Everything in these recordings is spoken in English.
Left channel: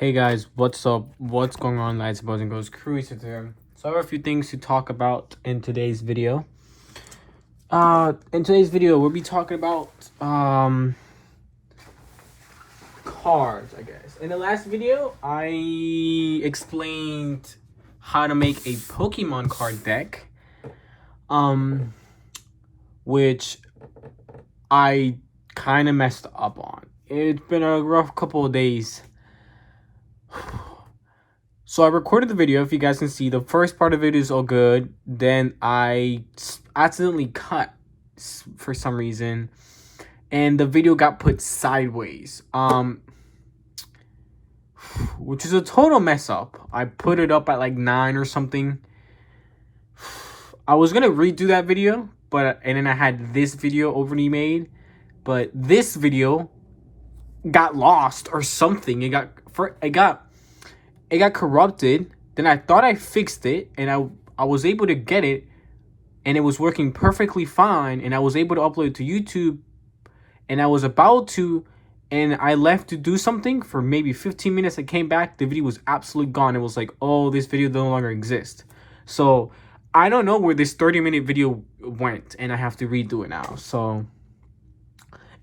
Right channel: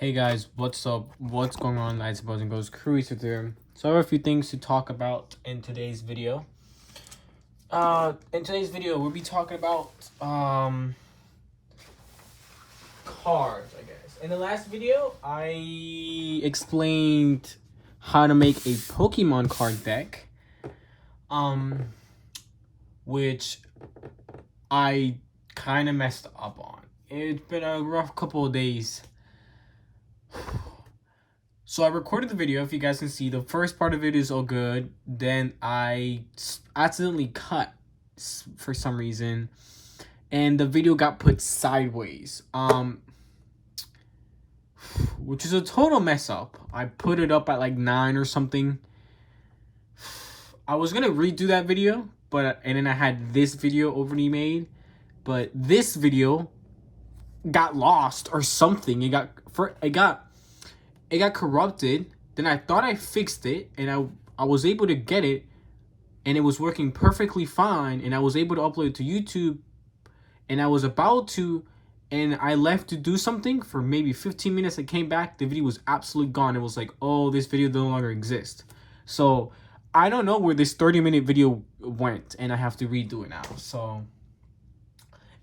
Hey guys, what's up? What's going on, lads, boys, and girls? Cruiser there. So I have a few things to talk about in today's video. We'll be talking about cards, I guess. In the last video, I explained how to make a Pokemon card deck. Which I kind of messed up on. It's been a rough couple of days. So I recorded the video, if you guys can see. The first part of it is all good. Then I accidentally cut for some reason. And the video got put sideways. Which is a total mess up. I put it up at like 9 or something. I was going to redo that video. And then I had this video already made. But this video got lost or something. It got corrupted. Then I thought I fixed it, and I was able to get it, and it was working perfectly fine, and I was able to upload it to YouTube, and I was about to, and I left to do something for maybe 15 minutes. I came back, the video was absolutely gone. It was like, oh, this video no longer exists. So I don't know where this 30-minute video went, and I have to redo it now. So,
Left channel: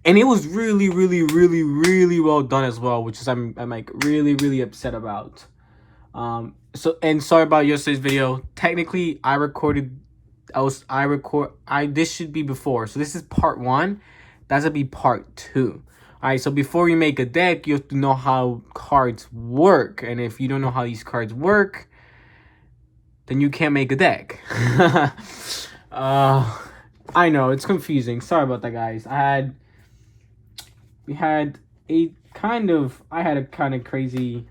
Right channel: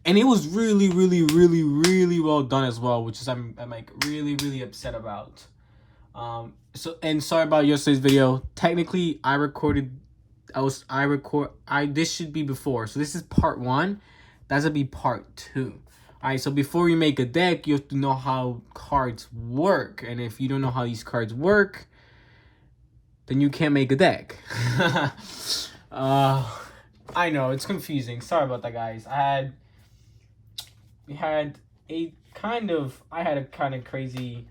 and it was really, really, really, really well done as well, which is I'm like really, really upset about. Sorry about yesterday's video. Technically, this should be before. So this is part 1. That's gonna be part 2. Alright, so before you make a deck, you have to know how cards work. And if you don't know how these cards work, then you can't make a deck. I know, it's confusing. Sorry about that, guys. I had a kind of crazy,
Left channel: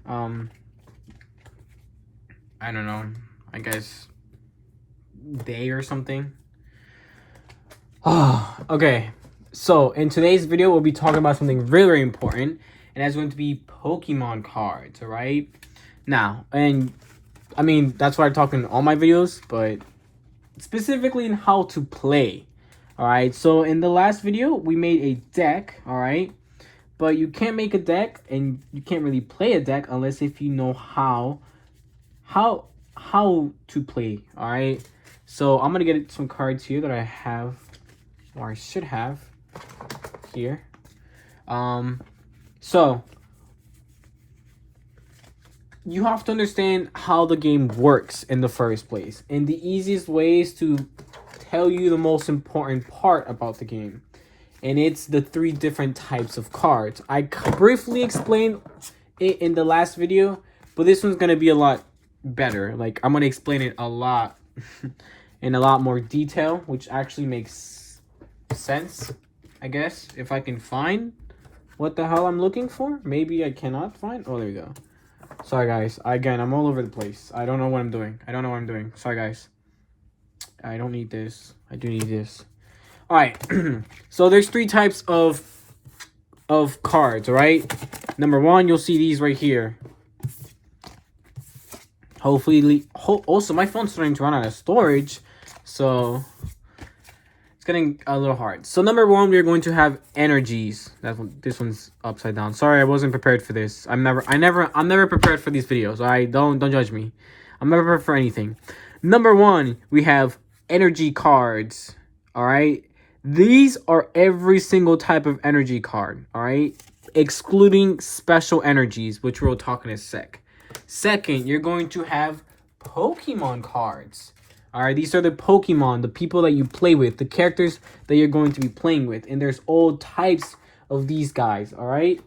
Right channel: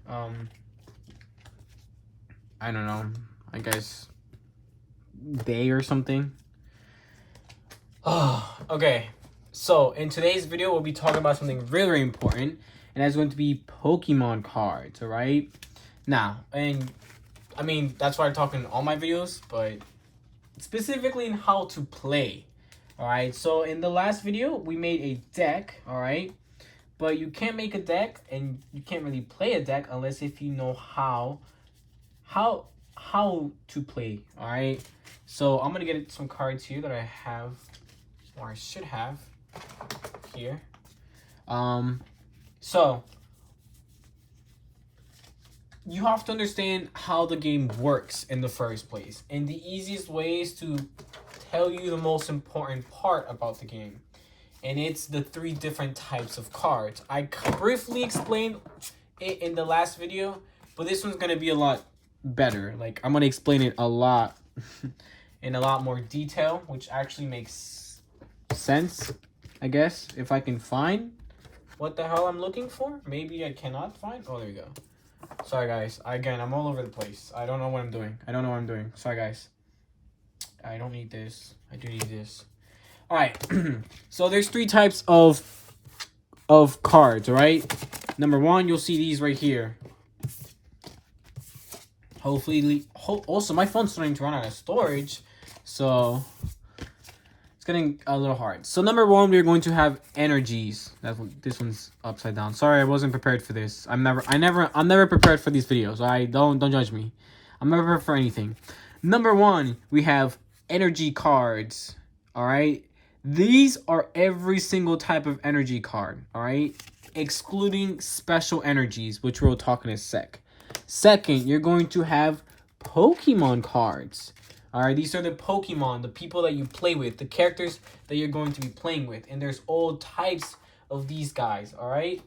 I don't know, I guess, day or something. Okay, so in today's video, we'll be talking about something really, really important, and that's going to be Pokemon cards, all right? Now, and I mean, that's what I talk in all my videos, but specifically in how to play, all right? So in the last video, we made a deck, all right? But you can't make a deck, and you can't really play a deck unless if you know how to play. All right, so I'm gonna get some cards here that I have, or I should have here. So you have to understand how the game works in the first place, and the easiest way is to tell you the most important part about the game, and it's the 3 different types of cards. I briefly explained it in the last video, but this one's gonna be a lot better. Like, I'm gonna explain it a lot in a lot more detail, which actually makes sense, I guess, if I can find what the hell I'm looking for. Maybe I cannot find. Oh, there we go. Sorry, guys. Again, I'm all over the place. I don't know what I'm doing. Sorry, guys. I don't need this. I do need this. All right. So there's 3 types of cards, all right? Number 1, you'll see these right here. Also, my phone's starting to run out of storage, so it's getting a little hard. So number 1, we're going to have energies. This one's upside down. Sorry, I wasn't prepared for this. I'm never prepared for these videos. Don't judge me. I'm never prepared for anything. Number 1, we have energy cards. All right, these are every single type of energy card. All right, excluding special energies, which we'll talk in a sec. Second, you're going to have Pokemon cards. All right, these are the Pokemon, the people that you play with, the characters that you're going to be playing with. And there's all types of these guys, all right?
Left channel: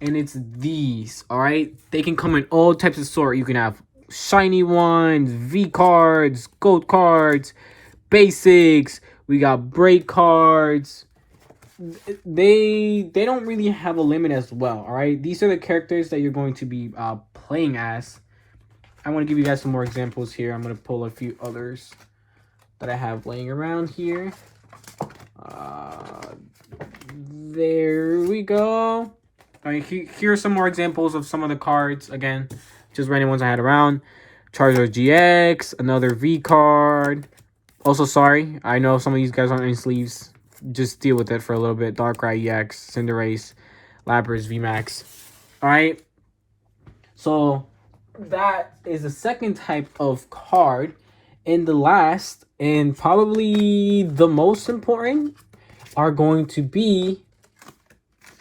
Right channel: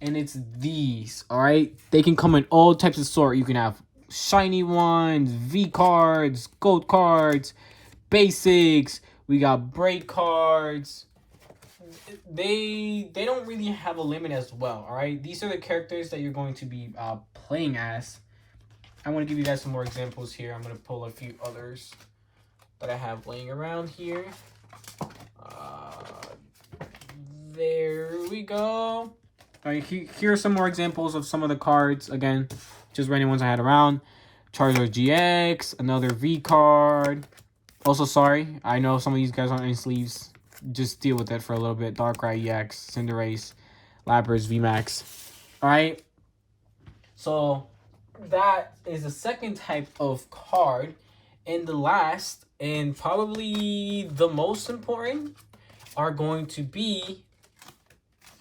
And it's these, all right? They can come in all types of sort. You can have shiny ones, V cards, gold cards, basics. We got braid cards. They don't really have a limit as well, all right? These are the characters that you're going to be playing as. I want to give you guys some more examples here. I'm going to pull a few others that I have laying around here. There we go. All right, here are some more examples of some of the cards. Again, just random ones I had around. Charizard GX, another V card. Also, sorry, I know some of these guys aren't in sleeves. Just deal with it for a little bit. Darkrai EX, Cinderace, Lapras VMAX. All right. So that is the second type of card. And the last and probably the most important are going to be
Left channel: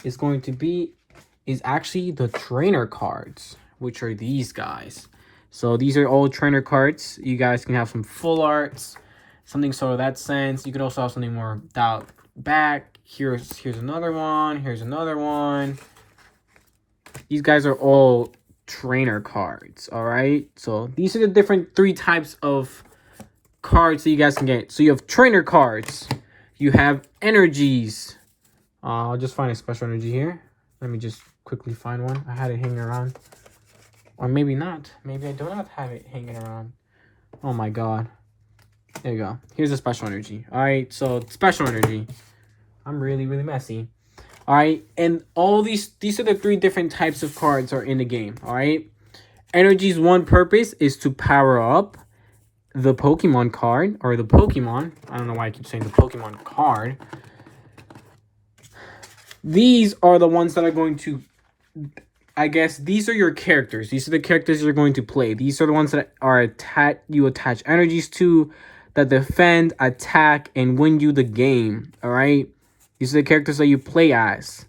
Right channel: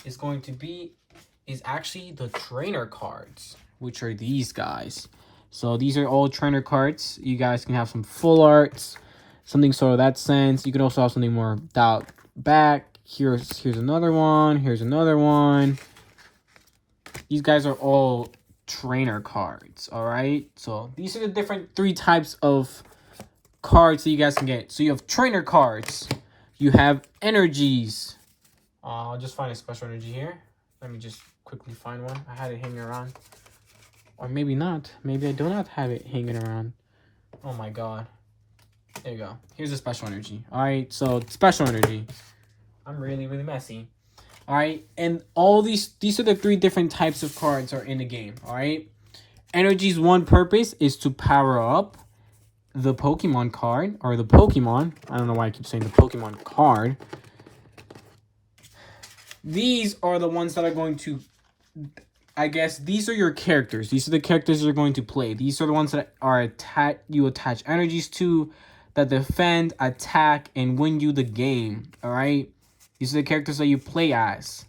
is actually the trainer cards, which are these guys. So these are all trainer cards. You guys can have some full arts, something sort of that sense. You can also have something more dialed back. Here's another one. Here's another one. These guys are all trainer cards. All right. So these are the different three types of cards that you guys can get. So you have trainer cards. You have energies. I'll just find a special energy here. Let me just quickly find one. I had it hanging around. Or maybe not. Maybe I do not have it hanging around. Oh my god. There you go. Here's a special energy. Alright, so special energy. I'm really messy. Alright, and all these are the three different types of cards are in the game. Alright. Energy's one purpose is to power up the Pokemon card. Or the Pokemon. I don't know why I keep saying the Pokemon card. These are the ones that are going to, I guess, these are your characters. These are the characters you're going to play. These are the ones that are you attach energies to, that defend, attack, and win you the game. All right? These are the characters that you play as.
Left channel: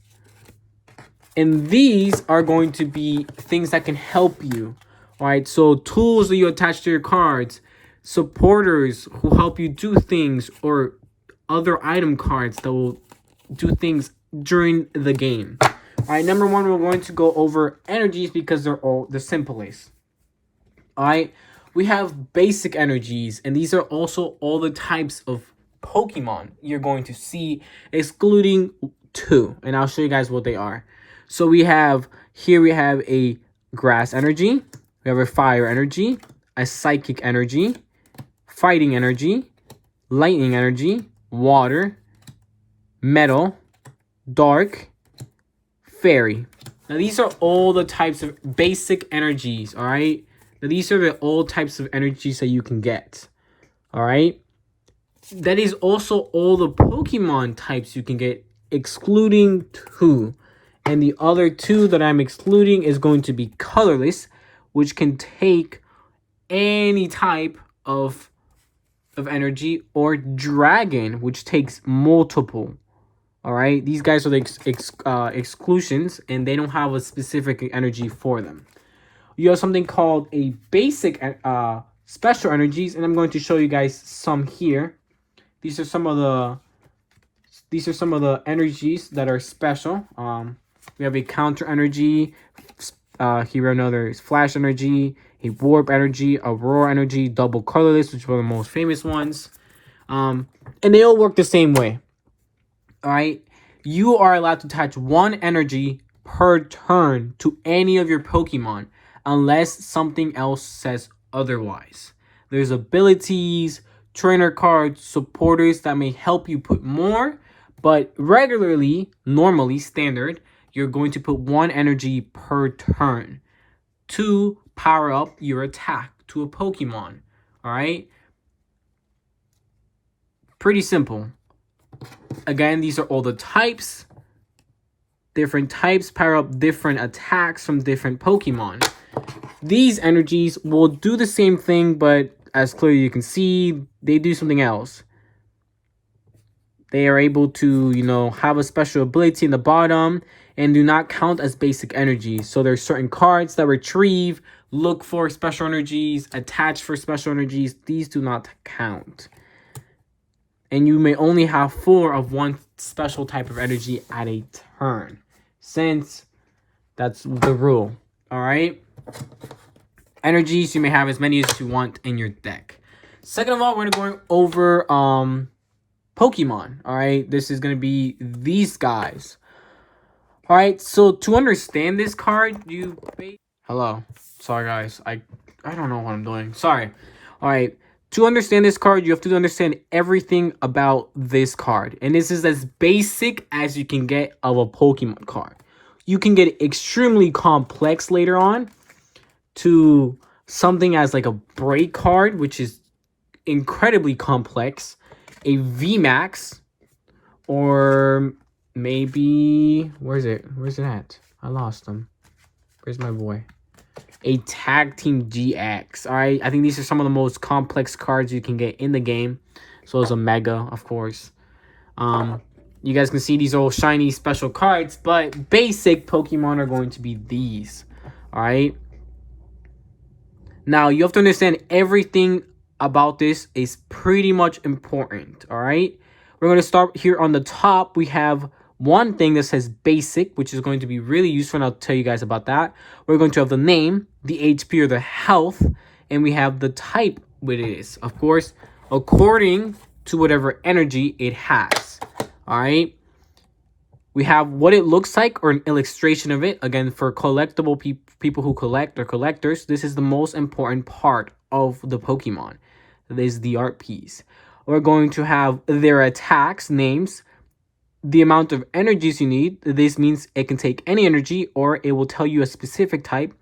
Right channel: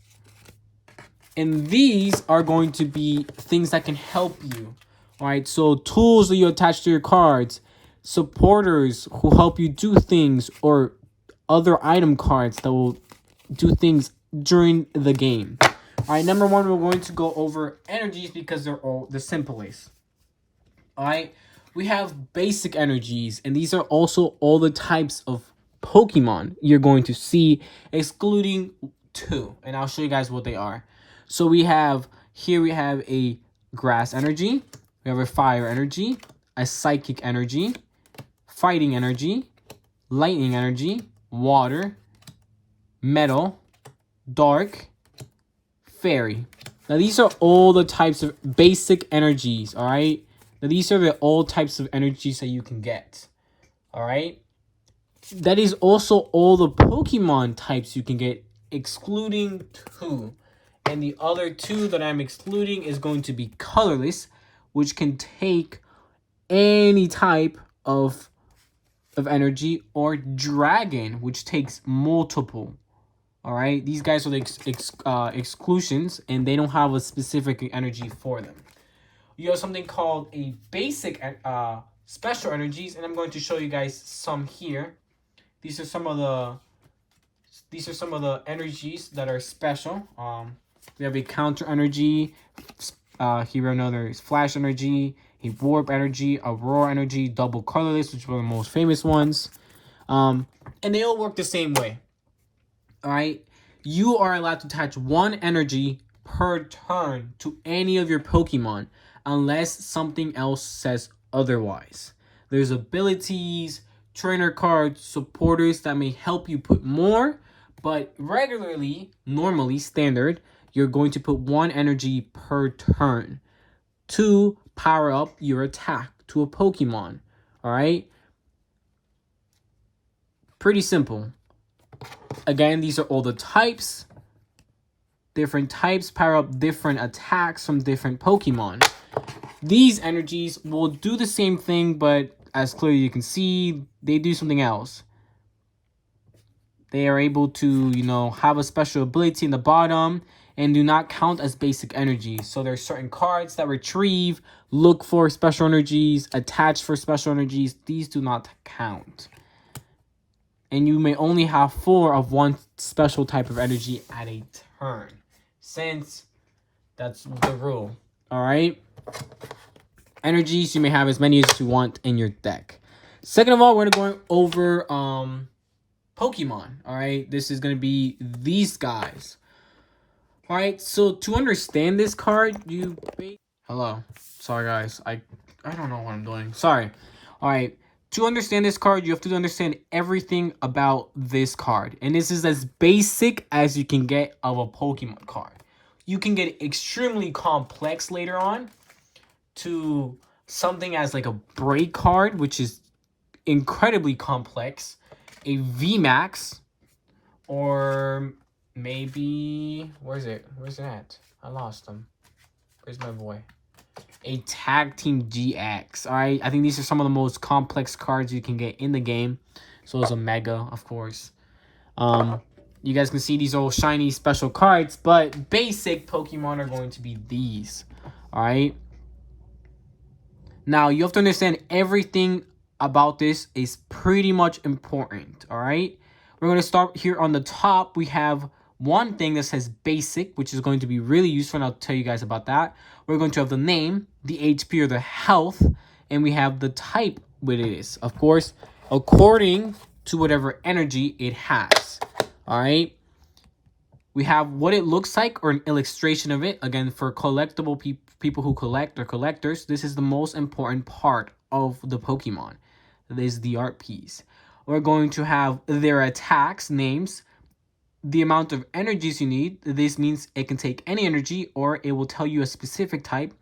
And these are going to be things that can help you. All right? So tools that you attach to your cards, supporters who help you do things, or other item cards that will do things during the game. All right, number one, we're going to go over energies because they're all the simplest. All right, we have basic energies, and these are also all the types of Pokemon you're going to see, excluding two, and I'll show you guys what they are. So we have a grass energy, we have a fire energy, a psychic energy, fighting energy, lightning energy, water, metal, dark, fairy. Now these are all the types of basic energies. All right, now these are all types of energies that you can get. All right, that is also all the Pokemon types you can get, excluding two, and the other two that I'm excluding is going to be colorless, which can take any type of energy, or dragon, which takes multiple. All right, these guys are the exclusions, and they don't have a specific energy for them. You have something called a basic special energies, and I'm going to show you guys some here. These are some of the energies that are special. We have a counter energy. Here another flash energy, a warp energy, aurora energy, double colorless, which are the most famous ones. And they all work the same way. All right, you are allowed to attach one energy per turn to any of your Pokemon unless something else says otherwise. There's abilities, trainer cards, supporters that may help you put more, but normally standard, you're going to put one energy per turn to power up your attack to a Pokemon. All right, pretty simple. Again, these are all the types. Different types power up different attacks from different Pokemon. These energies will do the same thing, but as clearly you can see, they do something else. They are able to, have a special ability in the bottom and do not count as basic energies. So there's certain cards that retrieve, look for special energies, attach for special energies. These do not count. And you may only have 4 of one special type of energy at a turn, since that's the rule. All right. Energies, you may have as many as you want in your deck. Second of all, we're going to go over Pokemon. All right. This is going to be these guys. All right. So to understand this card, hello. Sorry, guys. I don't know what I'm doing. Sorry. All right. To understand this card, you have to understand everything about this card. And this is as basic as you can get of a Pokemon card. You can get extremely complex later on to something as like a break card, which is incredibly complex. A VMAX, or maybe... Where's it at? I lost him. Where's my boy? a Tag Team GX. All right, I think these are some of the most complex cards you can get in the game. So it's a Mega, of course. You guys can see these are all shiny special cards, but basic Pokemon are going to be these. All right. Now, you have to understand everything about this is pretty much important, all right? We're going to start here on the top. We have one thing that says basic, which is going to be really useful, and I'll tell you guys about that. We're going to have the name, the HP or the health, and we have the type what it is. Of course, according to whatever energy it has, all right? We have what it looks like or an illustration of it. Again, for collectible people who collect or collectors, this is the most important part of the Pokemon. This is the art piece. We're going to have their attacks, names, the amount of energies you need. This means it can take any energy or it will tell you a specific type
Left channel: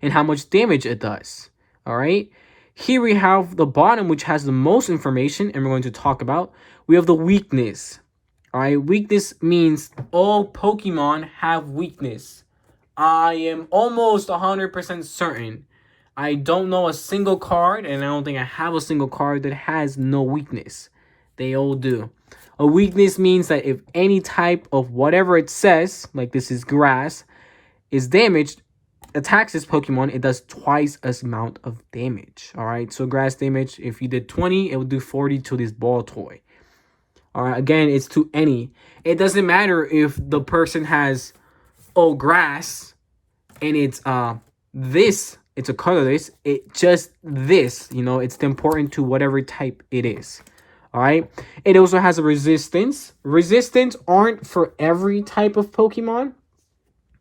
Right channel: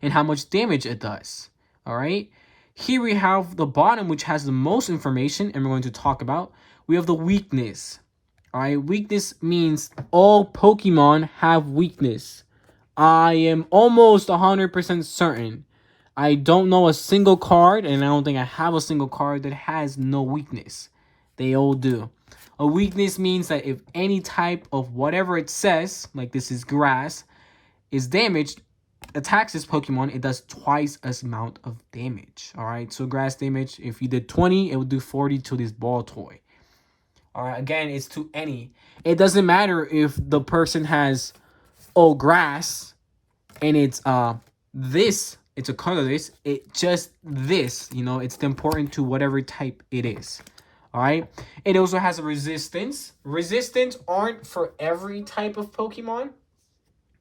and how much damage it does. All right. Here we have the bottom, which has the most information, and we're going to talk about. We have the weakness. All right, weakness means all Pokemon have weakness. I am almost 100% certain. I don't know a single card, and I don't think I have a single card that has no weakness. They all do. A weakness means that if any type of whatever it says, like this is grass, is damaged, attacks this Pokemon, it does twice as amount of damage. All right, so grass damage, if you did 20, it would do 40 to this ball toy. All right, again, it's to any. It doesn't matter if the person has grass and it's this, it's a colorless, it just this, you know, it's important to whatever type it is. All right, it also has a resistance. Resistance aren't for every type of Pokemon.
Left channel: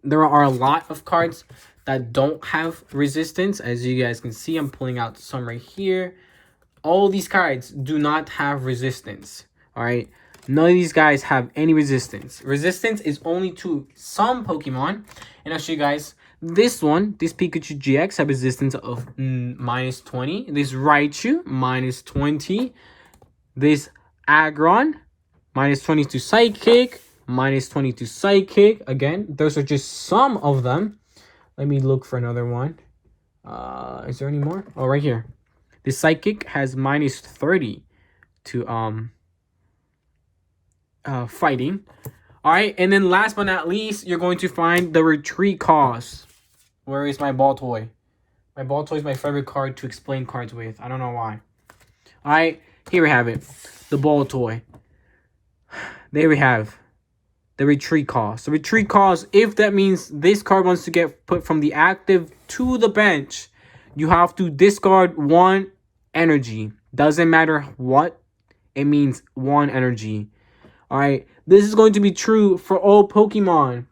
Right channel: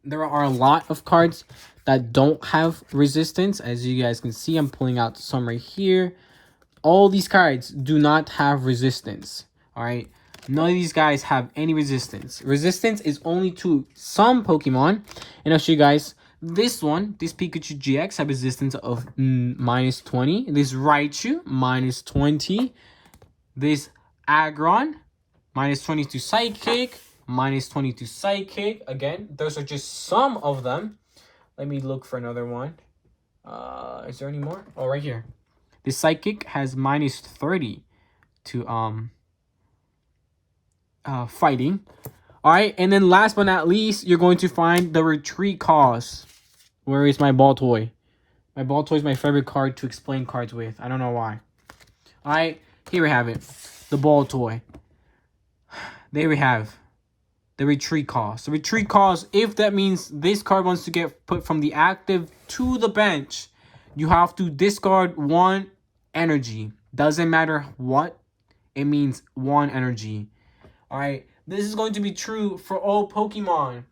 There are a lot of cards that don't have resistance. As you guys can see, I'm pulling out some right here. All these cards do not have resistance. All right, none of these guys have any resistance. Resistance is only to some Pokemon, and I'll show you guys this one. This Pikachu GX have resistance of -20. This Raichu -20. This Aggron -20 to Psychic, -20 to Psychic. Again, those are just some of them. Let me look for another one. Is there any more? Oh, right here. This Psychic has -30 to fighting. All right, and then last but not least, you're going to find the retreat cost. Where is my ball toy? My ball toy is my favorite card to explain cards with. I don't know why. All right, here we have it, the ball toy. There we have the retreat cost. The retreat cost, if that means this card wants to get put from the active to the bench, you have to discard 1 energy. Doesn't matter what, it means 1 energy. All right, this is going to be true for all Pokemon.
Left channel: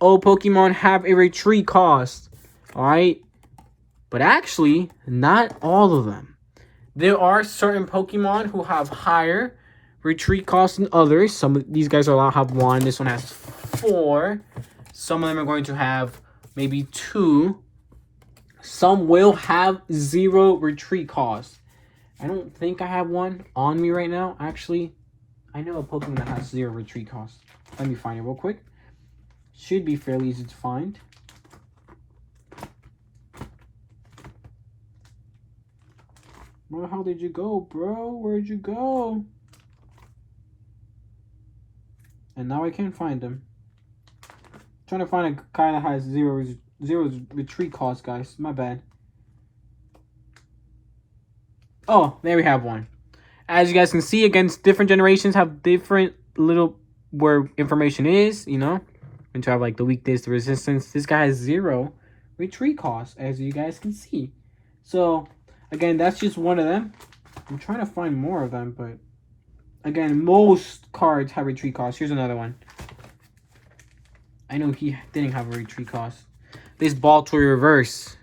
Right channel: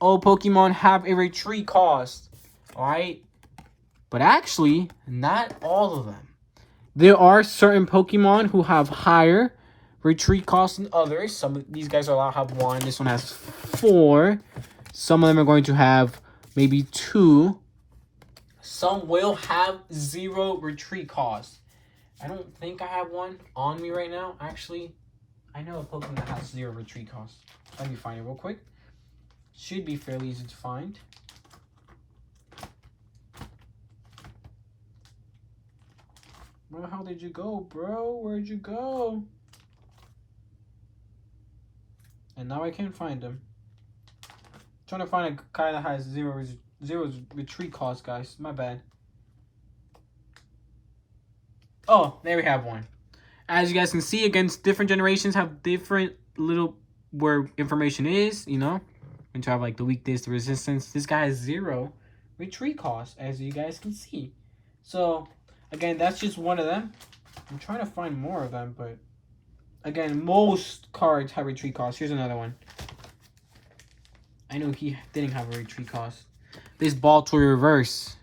All Pokemon have a retreat cost. All right, but actually, not all of them. There are certain Pokemon who have higher retreat costs than others. Some of these guys will have 1. This one has 4. Some of them are going to have maybe 2. Some will have 0 retreat costs. I don't think I have one on me right now, actually. I know a Pokemon that has 0 retreat cost. Let me find it real quick. Should be fairly easy to find. Where the hell did you go, bro? Where'd you go? And now I can't find him. I'm trying to find a guy that has 0 retreat cost, guys. My bad. Oh, there we have one. As you guys can see, against different generations have different little where information is, you know. And to have like the weakness, the resistance. This guy has 0 retreat cost, as you guys can see. So, again, that's just one of them. I'm trying to find more of them, but again, most cards have retreat cost. Here's another one. I know he didn't have a retreat cost. This ball toy reverse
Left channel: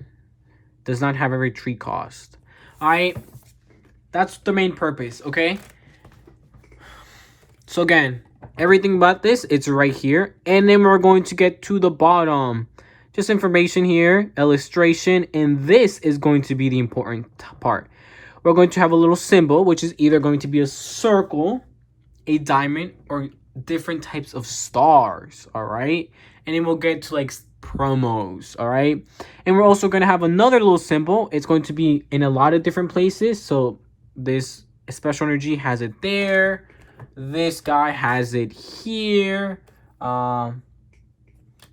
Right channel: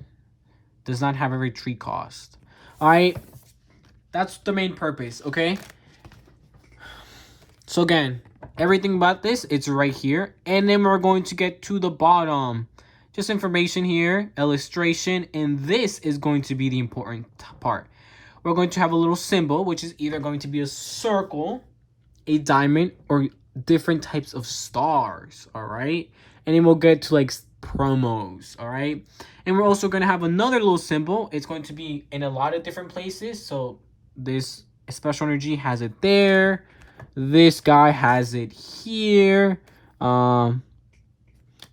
does not have a retreat cost. All right. That's the main purpose, okay? So again, everything about this, it's right here. And then we're going to get to the bottom. Just information here, illustration, and this is going to be the important part. We're going to have a little symbol, which is either going to be a circle, a diamond, or different types of stars, all right? And then we'll get to like promos. All right, and we're also going to have another little symbol. It's going to be in a lot of different places. So this special energy has it there. This guy has it here.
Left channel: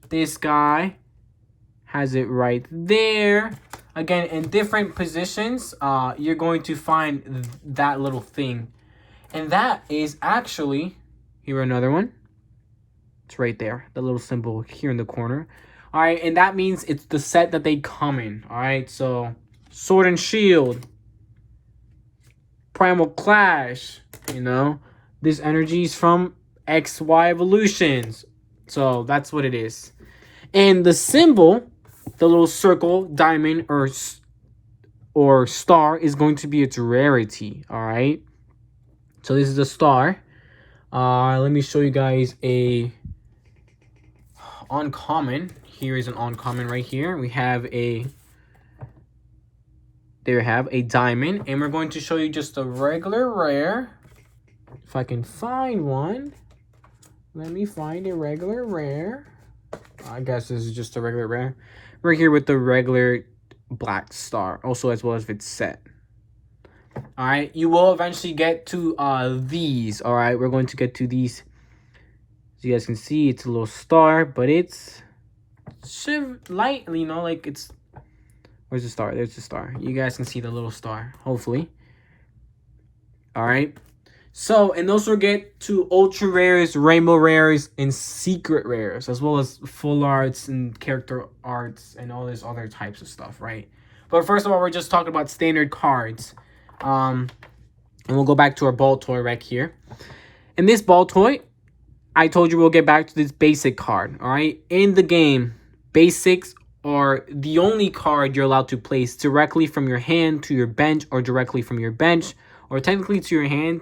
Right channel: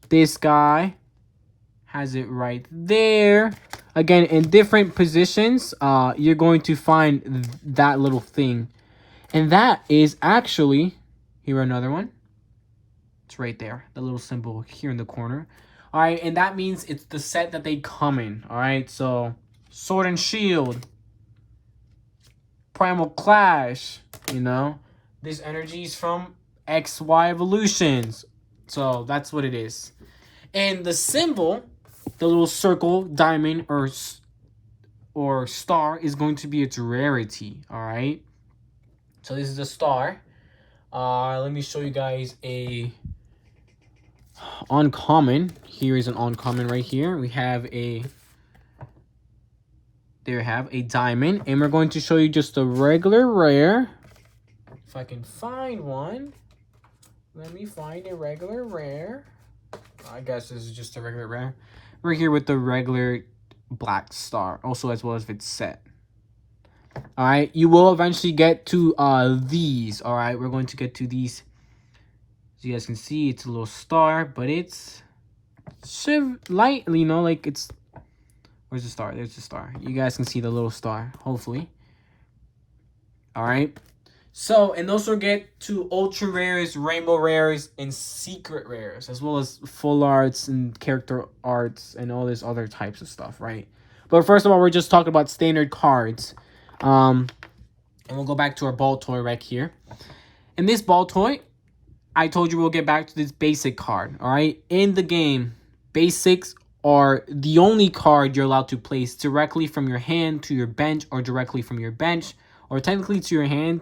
This guy has it right there. Again, in different positions, you're going to find that little thing. And that is actually, here another one. It's right there, the little symbol here in the corner. All right, and that means it's the set that they come in. All right, so Sword and Shield, Primal Clash, you know, this energy is from XY Evolutions. So that's what it is. And the symbol, the little circle, diamond, or star is going to be its rarity. All right. So this is a star. Let me show you guys a uncommon. Here is an uncommon right here. We have a, there you have a diamond, and we're going to show you just a regular rare. If I can find one, let me find a regular rare. I guess this is just a regular rare. We're here with the regular black star, also as well as if it's set. All right, you will eventually get to these. All right, we're going to get to these. As you guys can see, it's a little star, but it's lightly, you know, like it's, where's the star? There's the star. You guys can see the little star, hopefully. All right. So, and those will get to ultra rares, rainbow rares, and secret rares, as well as full arts and character arts and all this other types of stuff, right? But first of all, we're just talking about standard cards. And we'll go back to our ball toy right here. In this ball toy, I told you we'll get back to this basic card, all right? In the game, basics are the only card you're allowed to place directly from your hand to your bench, or directly from your bench, or technically to your hand,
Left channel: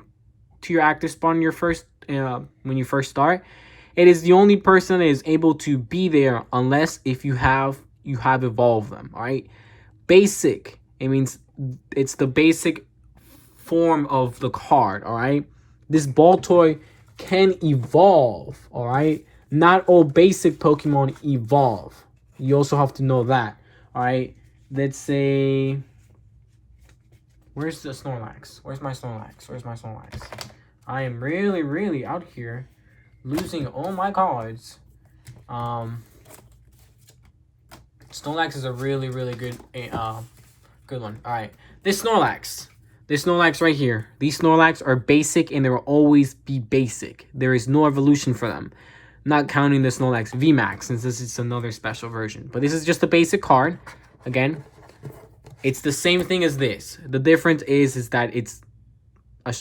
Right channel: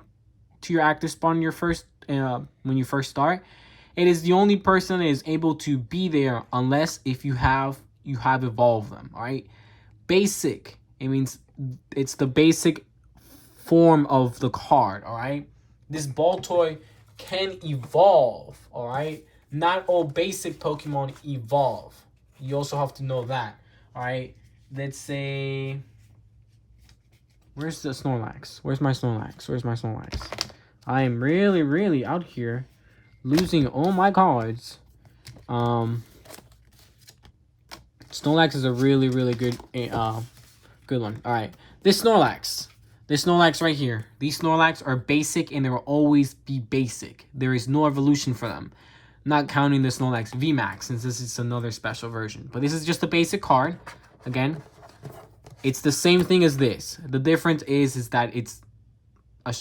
to your active spawn in your first when you first start. It is the only person that is able to be there unless if you have evolved them. All right, basic, it means it's the basic form of the card. All right, this ball toy can evolve. All right, not all basic Pokemon evolve. You also have to know that. All right, let's say, where's the Snorlax? Where's my Snorlax? Where's my Snorlax? I am really, really out here losing all my cards. Snorlax is a really, really good one. All right, this Snorlax right here. These Snorlax are basic, and they will always be basic. There is no evolution for them, not counting the Snorlax VMAX, since this is another special version. But this is just a basic card. Again, it's the same thing as this. The difference is that it's a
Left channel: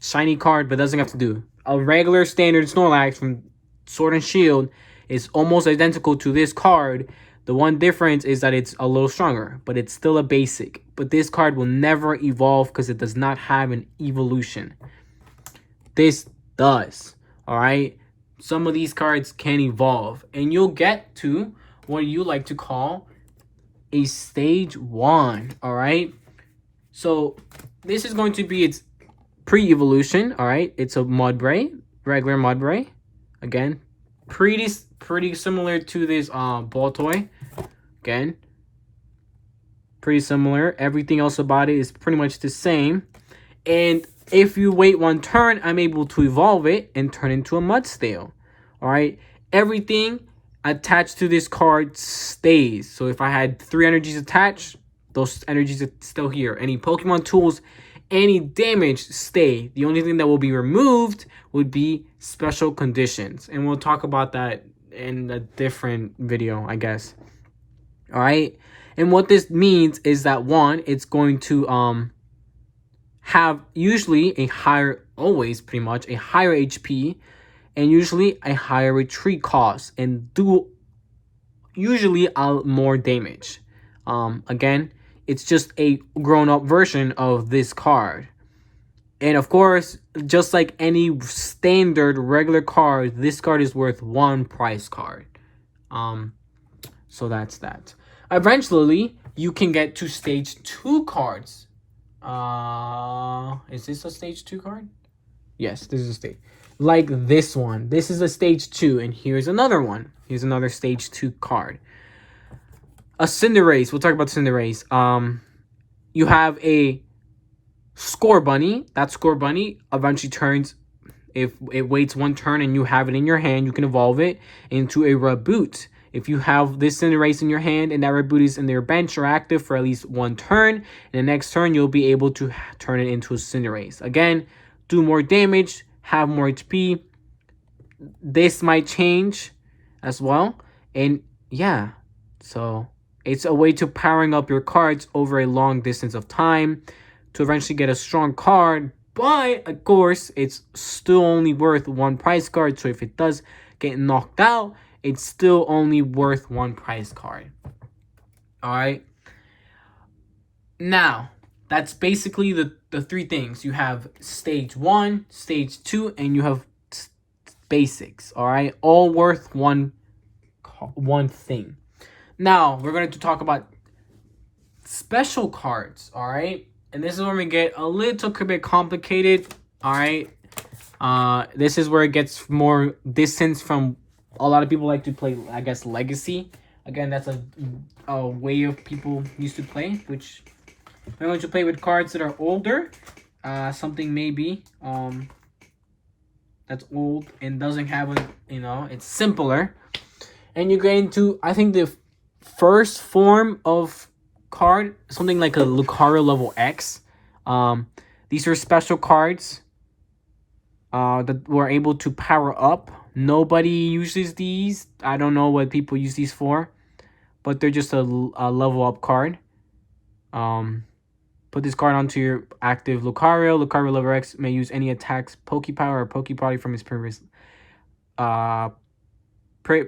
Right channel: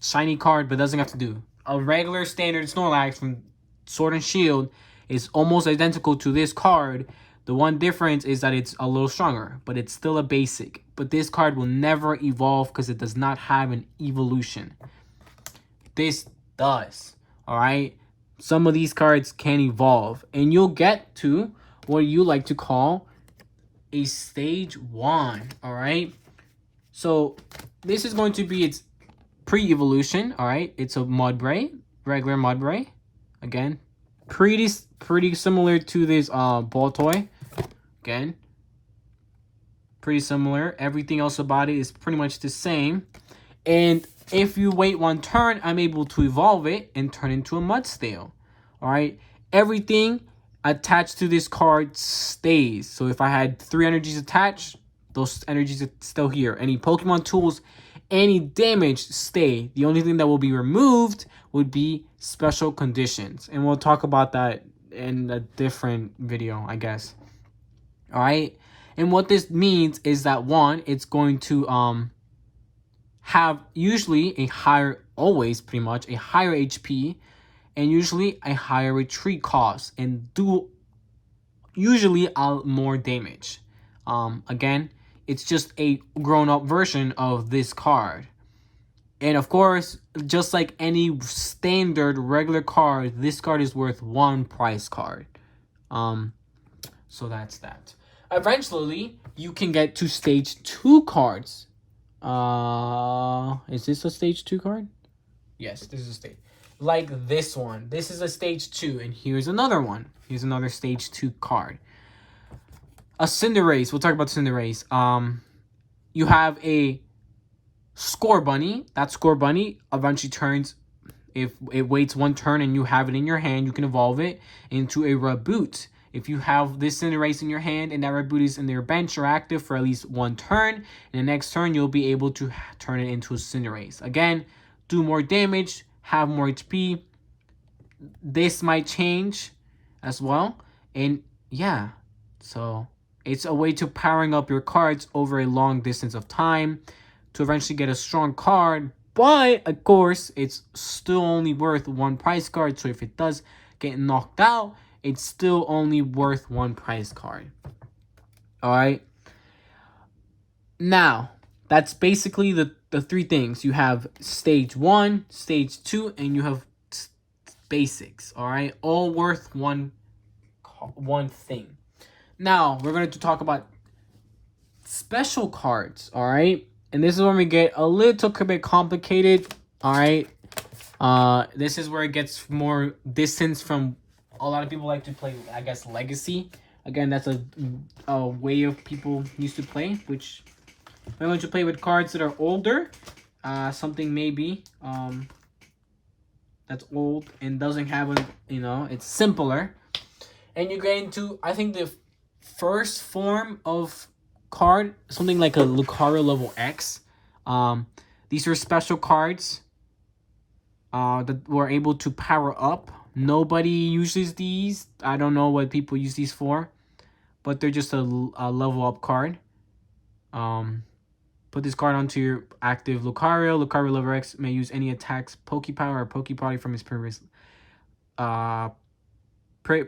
shiny card, but doesn't have to do. A regular standard Snorlax from Sword and Shield is almost identical to this card. The one difference is that it's a little stronger, but it's still a basic. But this card will never evolve because it does not have an evolution. This does. All right. Some of these cards can evolve, and you'll get to what you like to call a stage 1. All right. So this is going to be its pre-evolution. All right, it's a Mudbray, regular Mudbray. Again, pretty similar to this ball toy. Again, pretty similar. Everything else about it is pretty much the same. And if you wait one turn, I'm able to evolve it and turn into a Mudstale. All right, everything attached to this card stays. So if I had 3 energies attached, those energies are still here. Any Pokemon tools, any damage stay. The only thing that will be removed would be special conditions, and we'll talk about that in a different video, I guess. All right, and what this means is that, one, it's going to have usually a higher, always pretty much a higher HP, and usually a higher retreat cost, and do usually more damage. Again, it's just a grown-up version of this card. And of course, just like any standard regular card, this card is worth 1 prize card. So that's that. Eventually, you can get to stage 2 cards. Is this a stage 2 card? Yes, this is a stage. Like this one. This is a stage 2, and here's another one. Here's another stage 2 card. a Cinderace. We'll talk about Cinderace. You have a Score Bunny. That Score Bunny eventually turns, if it waits one turn and you have it in your hand, you can evolve it into a Reboot. If you have this Cinderace in your hand and that Reboot is in your bench or active for at least one turn, and the next turn you'll be able to turn it into a Cinderace. Again, do more damage, have more HP. This might change as well. And yeah, so it's a way to powering up your cards over a long distance of time to eventually get a strong card. But of course, it's still only worth one price card. So if it does get knocked out, it's still only worth one price card. Alright. Now, that's basically the three things. You have stage 1, stage 2, and you have basics. Alright. All worth one thing. Now, we're going to talk about special cards. Alright. And this is when we get a little bit complicated. Alright. This is where it gets more distance from a lot of people like to play, I guess, Legacy. Again, that's a way of people used to play, which we're going to play with cards that are older. Something maybe that's old and doesn't have a, it's simpler. And you get into, I think, the first form of card, something like a Lucario level X. These are special cards that were able to power up. Nobody uses these. I don't know what people use these for, but they're just a level up card. Put this card onto your active Lucario. Lucario level X may use any attacks, Pokepower, or Pokebody from his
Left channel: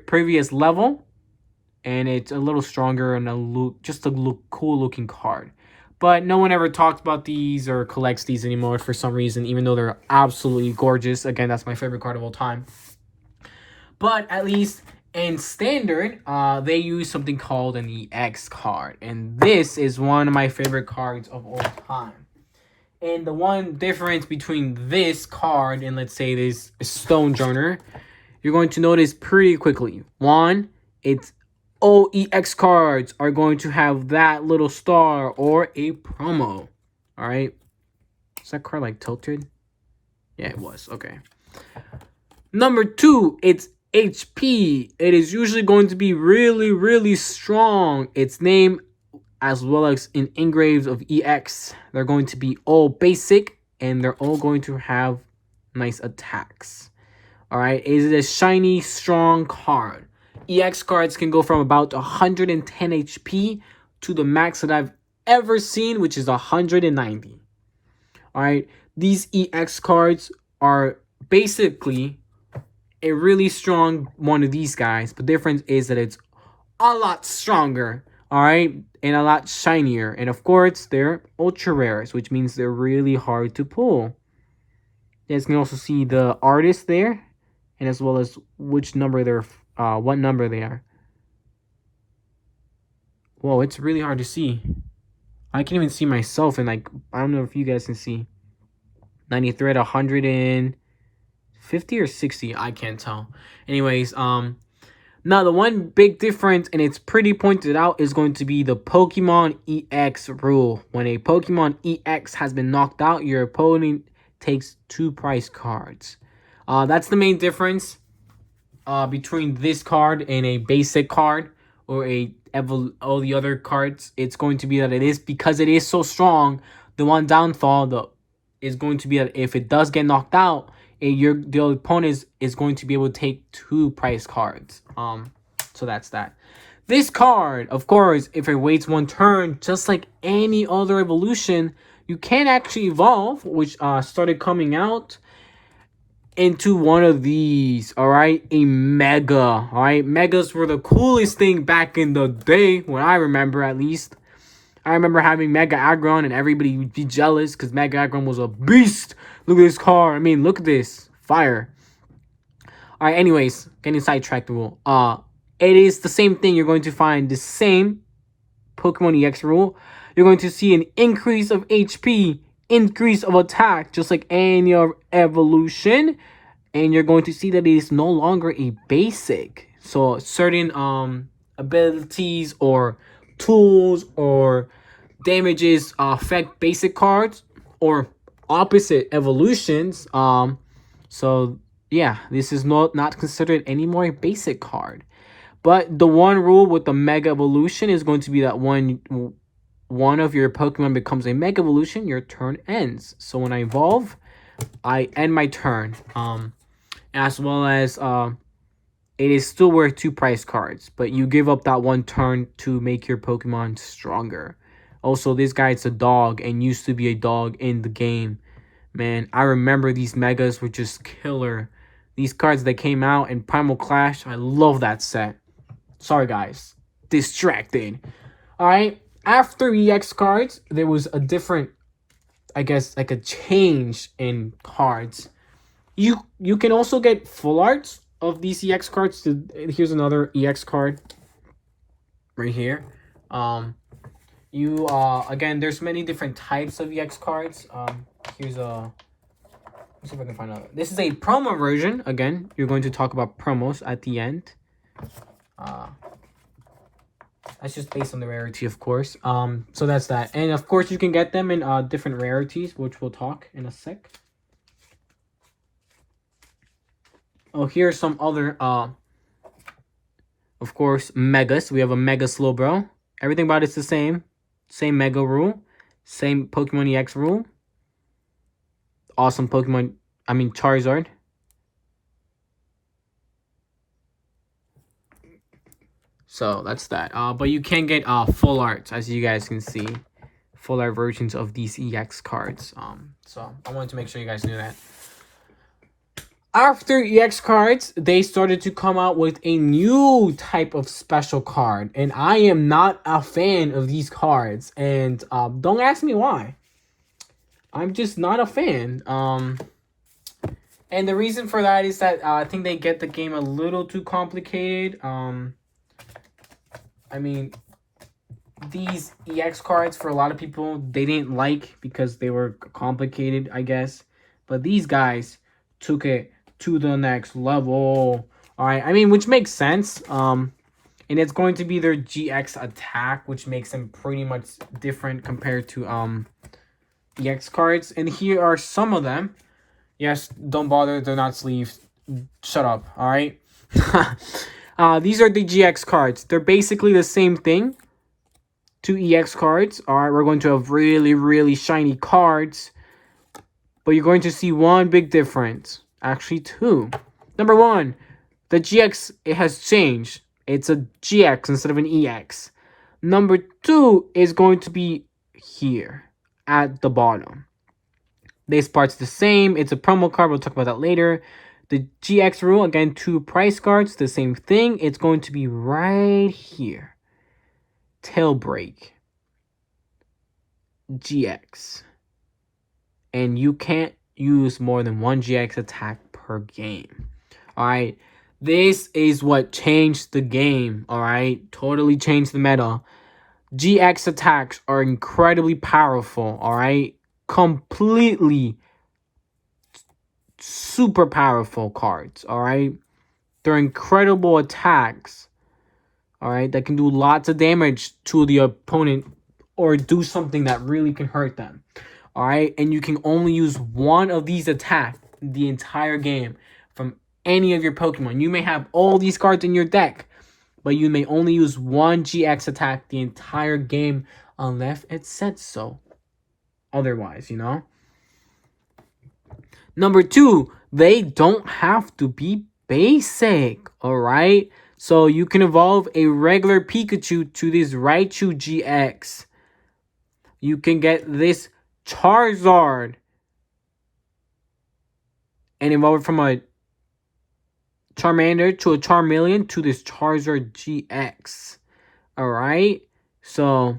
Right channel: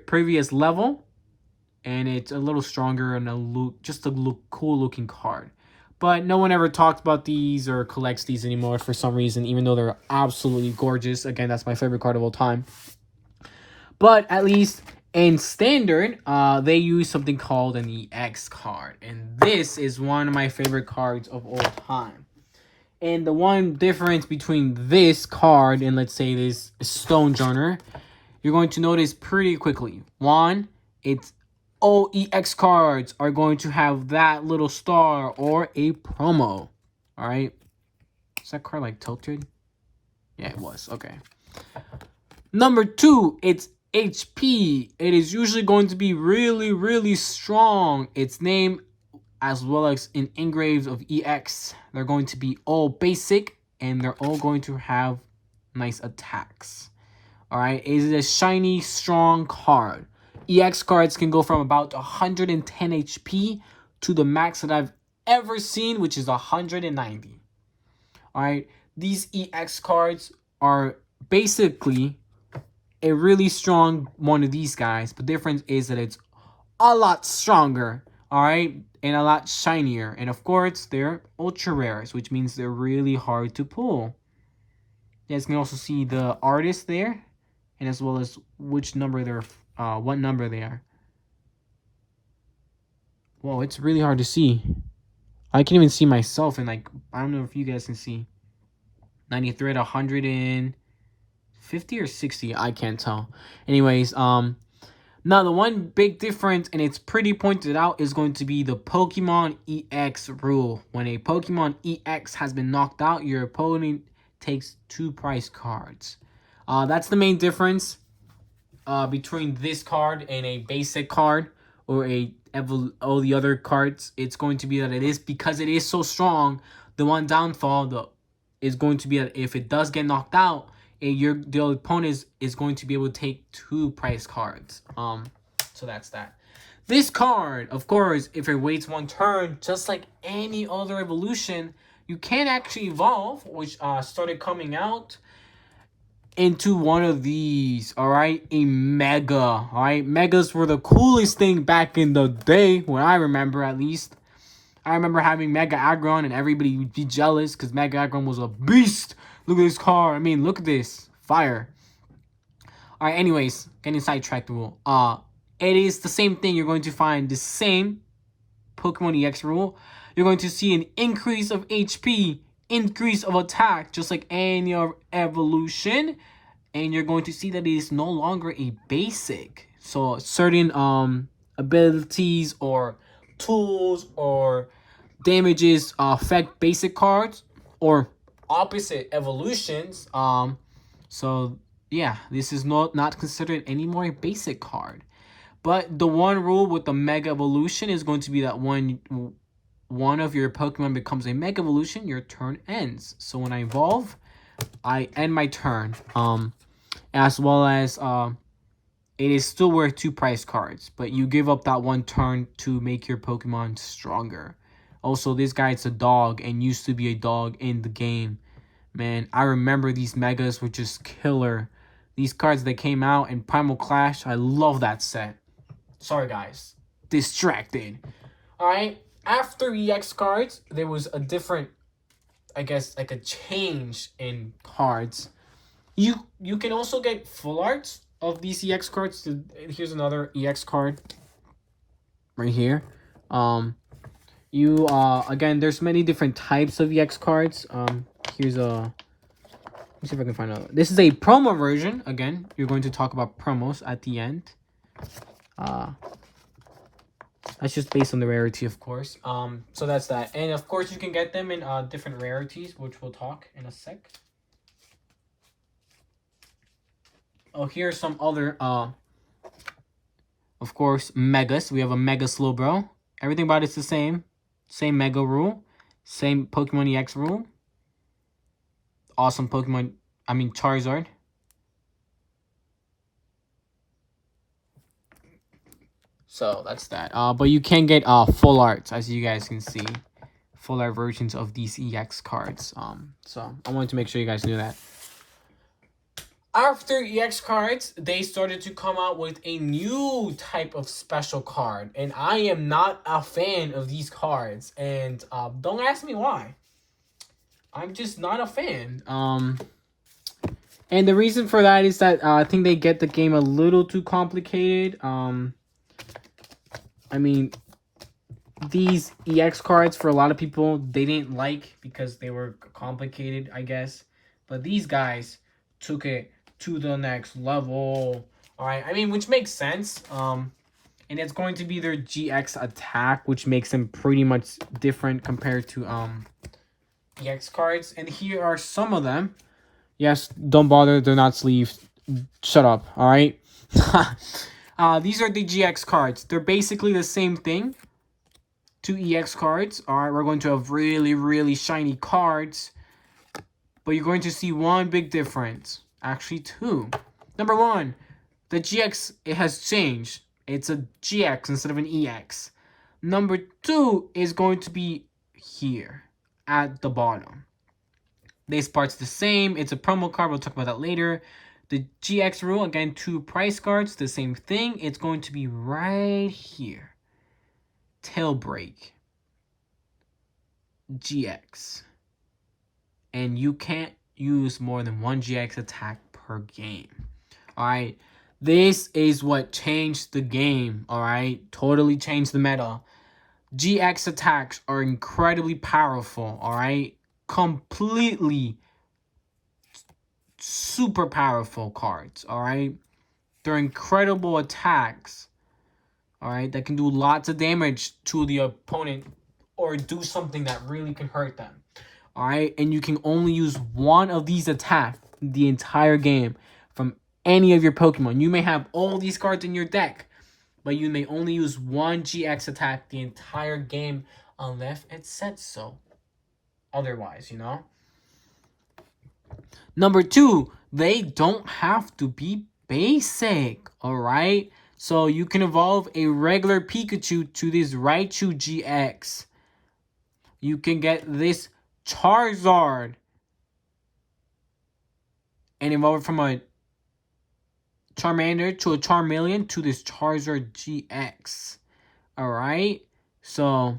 previous level, and it's a little stronger and just a cool looking card. But no one ever talks about these or collects these anymore for some reason, even though they're absolutely gorgeous. Again, that's my favorite card of all time. But at least in Standard, they use something called an EX card. And this is one of my favorite cards of all time. And the one difference between this card and, let's say, this Stonejourner, you're going to notice pretty quickly. One, it's all EX cards are going to have that little star or a promo. Alright. Is that card like tilted? Yeah, it was. Okay. Number 2, it's HP. It is usually going to be really, really strong. Its name, as well as in engraves of EX, they're going to be all basic, and they're all going to have nice attacks. Alright, it is a shiny, strong card. EX cards can go from about 110 HP to the max that I've ever seen, which is 190. Alright, these EX cards are basically a really strong one of these guys. But the difference is that it's a lot stronger, alright, and a lot shinier. And of course, they're ultra rares, which means they're really hard to pull. You guys can also see the artist there, and as well as which number they're, what number they are. Whoa, it's really hard to see. I can even see myself, and like, I don't know if you guys can see. 93 at 150 or 60, I can't tell. Anyways, now the one big difference, and it's pretty pointed out, is going to be the Pokemon EX rule. When a Pokemon EX has been knocked out, your opponent takes 2 prize cards. That's the main difference between this card and a basic card or all the other cards. It's going to be that it is, because it is so strong, the one downfall is going to be that if it does get knocked out, the opponent is going to be able to take 2 prize cards. So that's that. This card, of course, if it waits one turn, just like any other evolution, you can actually evolve, which started coming out into one of these. All right, a Mega. All right, Megas were the coolest thing back in the day, when I remember, at least. I remember having Mega Aggron, and everybody would be jealous because Mega Aggron was a beast. Look at this car. I mean, look at this. Fire. All right, anyways, getting sidetracked. Rule. It is the same thing. You're going to find the same Pokemon EX rule. You're going to see an increase of HP, increase of attack, just like any other evolution. And you're going to see that it is no longer a basic. So certain abilities or tools or damages affect basic cards or opposite evolutions. So yeah, this is not considered anymore a basic card. But the one rule with the Mega Evolution is going to be that when one of your Pokemon becomes a Mega Evolution, your turn ends. So when I evolve, I end my turn. As well as it is still worth 2 price cards, but you give up that one turn to make your Pokemon stronger. Also, this guy, it's a dog and used to be a dog in the game. Man, I remember these Megas were just killer. These cards that came out in Primal Clash, I love that set. Sorry, guys. Distracted. Alright, after EX cards, there was a different, I guess, like a change in cards. You can also get full arts of these EX cards. Here's another EX card right here. Again, there's many different types of EX cards. Here's a, let me see if I can find out. This is a promo version. Again, you're going to talk about promos at the end. That's just based on the rarity, of course. So that's that. And of course, you can get them in different rarities, which we'll talk in a sec. Oh, here's some other, of course, Megas. We have a Mega Slowbro. Everything about it's the same. Same Mega rule. Same Pokemon EX rule. Awesome Pokemon, Charizard. So that's that. But you can get full arts, as you guys can see. Full art versions of these EX cards. So I wanted to make sure you guys knew that. After EX cards, they started to come out with a new type of special card. And I am not a fan of these cards. And don't ask me why. I'm just not a fan. And the reason for that is that I think they get the game a little too complicated. These EX cards, for a lot of people, they didn't like because they were complicated, I guess. But these guys took it to the next level. Alright, which makes sense. And it's going to be their GX attack, which makes them pretty much different compared to EX cards. And here are some of them. Yes, don't bother, they're not sleeves. Shut up, alright? These are the GX cards. They're basically the same thing. 2 EX cards. Alright, we're going to have really, really shiny cards. But you're going to see one big difference. Actually, 2. Number 1, the GX, it has changed. It's a GX instead of an EX. Number 2 is going to be here at the bottom. This part's the same. It's a promo card. We'll talk about that later. The GX rule, again, 2 price cards. The same thing. It's going to be right here. Tailbreak. GX. And you can't use more than 1 GX attack per game. Alright. This is what changed the game. Alright. Totally changed the meta. GX attacks are incredibly powerful. Alright. Completely super powerful cards. Alright. They're incredible attacks. Alright. That can do lots of damage to the opponent or do something that really can hurt them. Alright, and you can only use one of these attacks the entire game from any of your Pokemon. You may have all these cards in your deck, but you may only use one GX attack the entire game unless it said so. Otherwise, Number 2, they don't have to be basic, alright? So you can evolve a regular Pikachu to this Raichu GX. You can get this Charizard and evolve it from a Charmander to a Charmeleon to this Charizard GX. Alright, so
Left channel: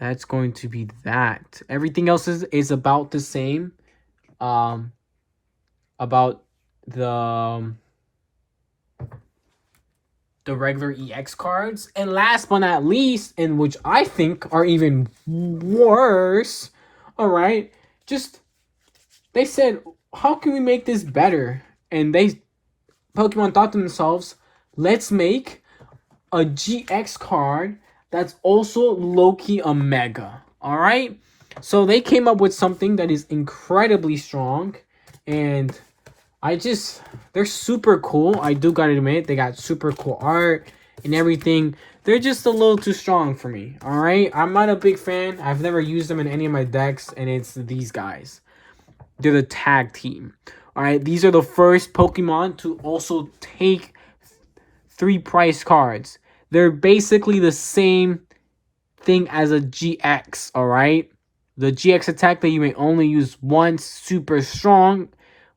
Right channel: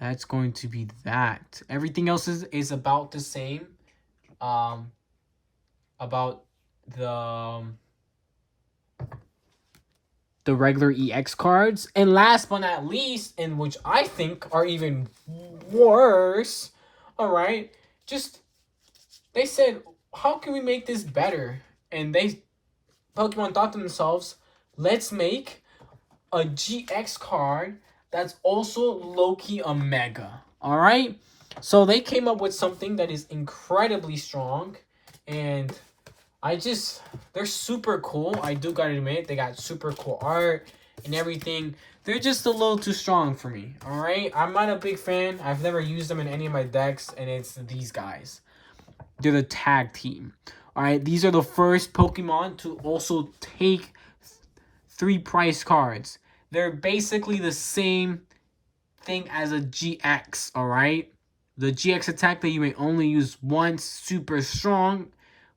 that's going to be that. Everything else is about the same. About the regular EX cards. And last but not least, and which I think are even worse, alright, they said, how can we make this better? And Pokemon thought to themselves, let's make a GX card that's also low-key a mega. All right. So they came up with something that is incredibly strong, and they're super cool. I do gotta admit, they got super cool art and everything. They're just a little too strong for me. All right. I'm not a big fan. I've never used them in any of my decks, and it's these guys. They're the tag team. All right. These are the first Pokemon to also take 3 price cards. They're basically the same thing as a GX, all right? The GX attack that you may only use once, super strong.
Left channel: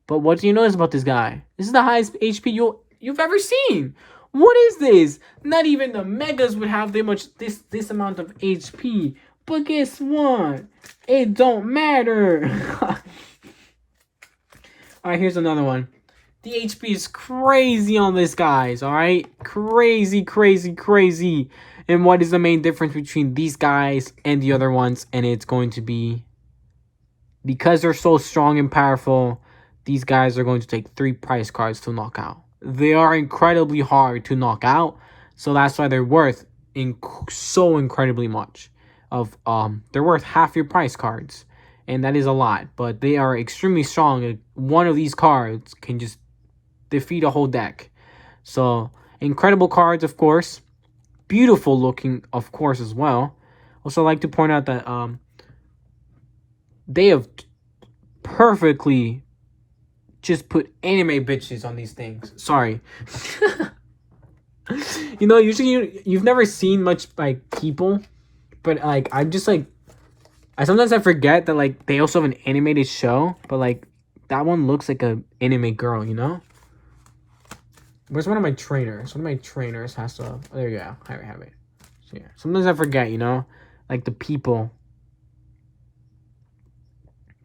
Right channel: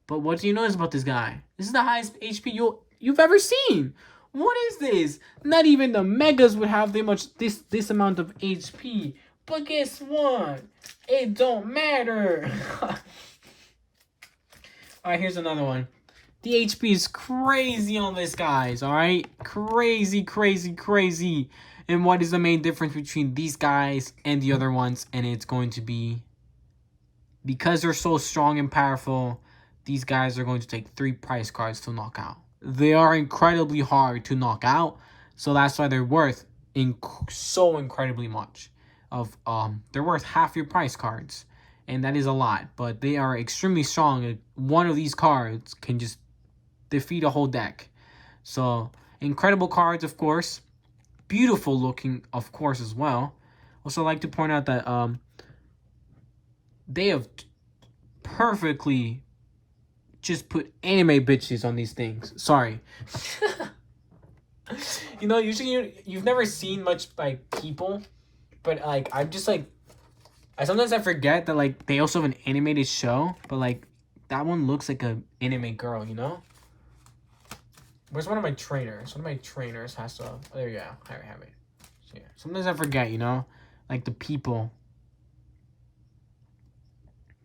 But what do you notice about this guy? This is the highest HP you've ever seen. What is this? Not even the megas would have this amount of HP. But guess what? It don't matter. Alright, here's another one. The HP is crazy on this, guys, alright? Crazy, crazy, crazy. And what is the main difference between these guys and the other ones? And it's going to be, because they're so strong and powerful, these guys are going to take 3 price cards to knock out. They are incredibly hard to knock out, so that's why they're worth so incredibly much. They're worth half your price cards, and that is a lot. But they are extremely strong. One of these cards can just defeat a whole deck. So incredible cards, of course. Beautiful looking, of course, as well. Also, like to point out that they have perfectly just put anime bitches on these things. Sorry. You know, usually you've never seen much like people, but like I'm just like, I forget that like they also have an animated show, but like that one looks like a anime girl, you know? Where's one of my trainers? One of my trainers has to... There you go. I have it. So, yeah. Sometimes I forget, you know? Like the people.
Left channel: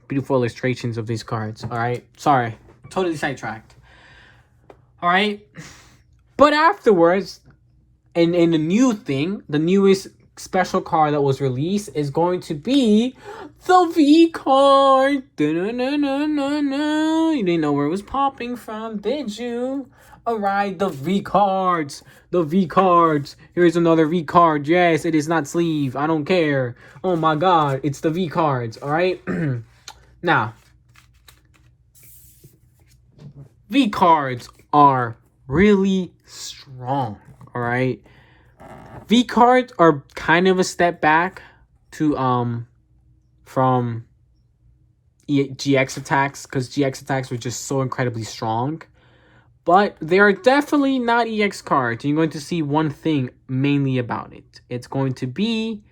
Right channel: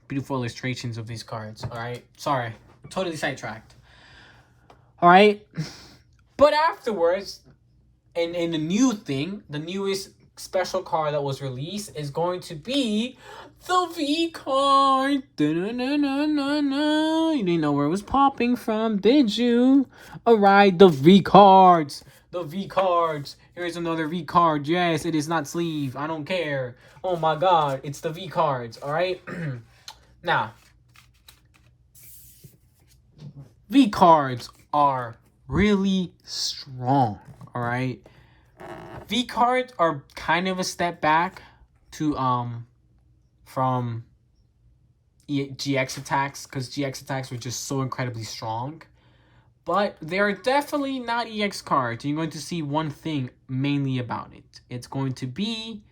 Beautiful illustrations of these cards. Alright? Sorry. Totally sidetracked. Alright? But afterwards, and the new thing, the newest special card that was released is going to be the V card. You didn't know where it was popping from, did you? Alright, the V cards. The V cards. Here's another V card. Yes, it is not sleeve. I don't care. Oh my god, it's the V cards. Alright? Now, V cards are really strong. Alright? V cards are kind of a step back to from GX attacks, because GX attacks were just so incredibly strong. But they are definitely not EX cards. You're going to see one thing mainly about it. It's going to be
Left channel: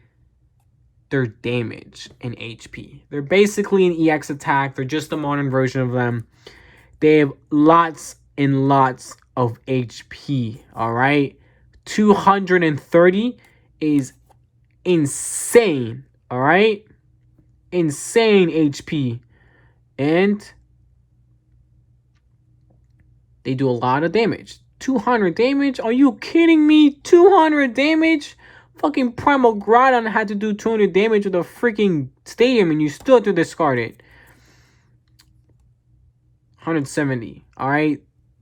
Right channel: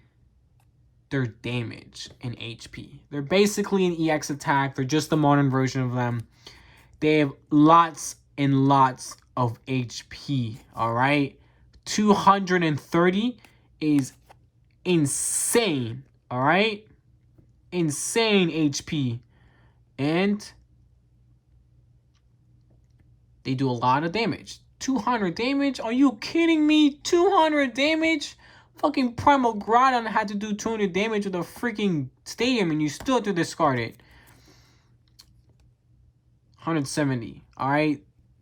their damage and HP. They're basically an EX attack. They're just a modern version of them. They have lots and lots of HP, alright? 230 is insane, alright? Insane HP. And they do a lot of damage. 200 damage? Are you kidding me? 200 damage? Fucking Primal Groudon had to do 200 damage with a freaking stadium and you still have to discard it. 170. Alright.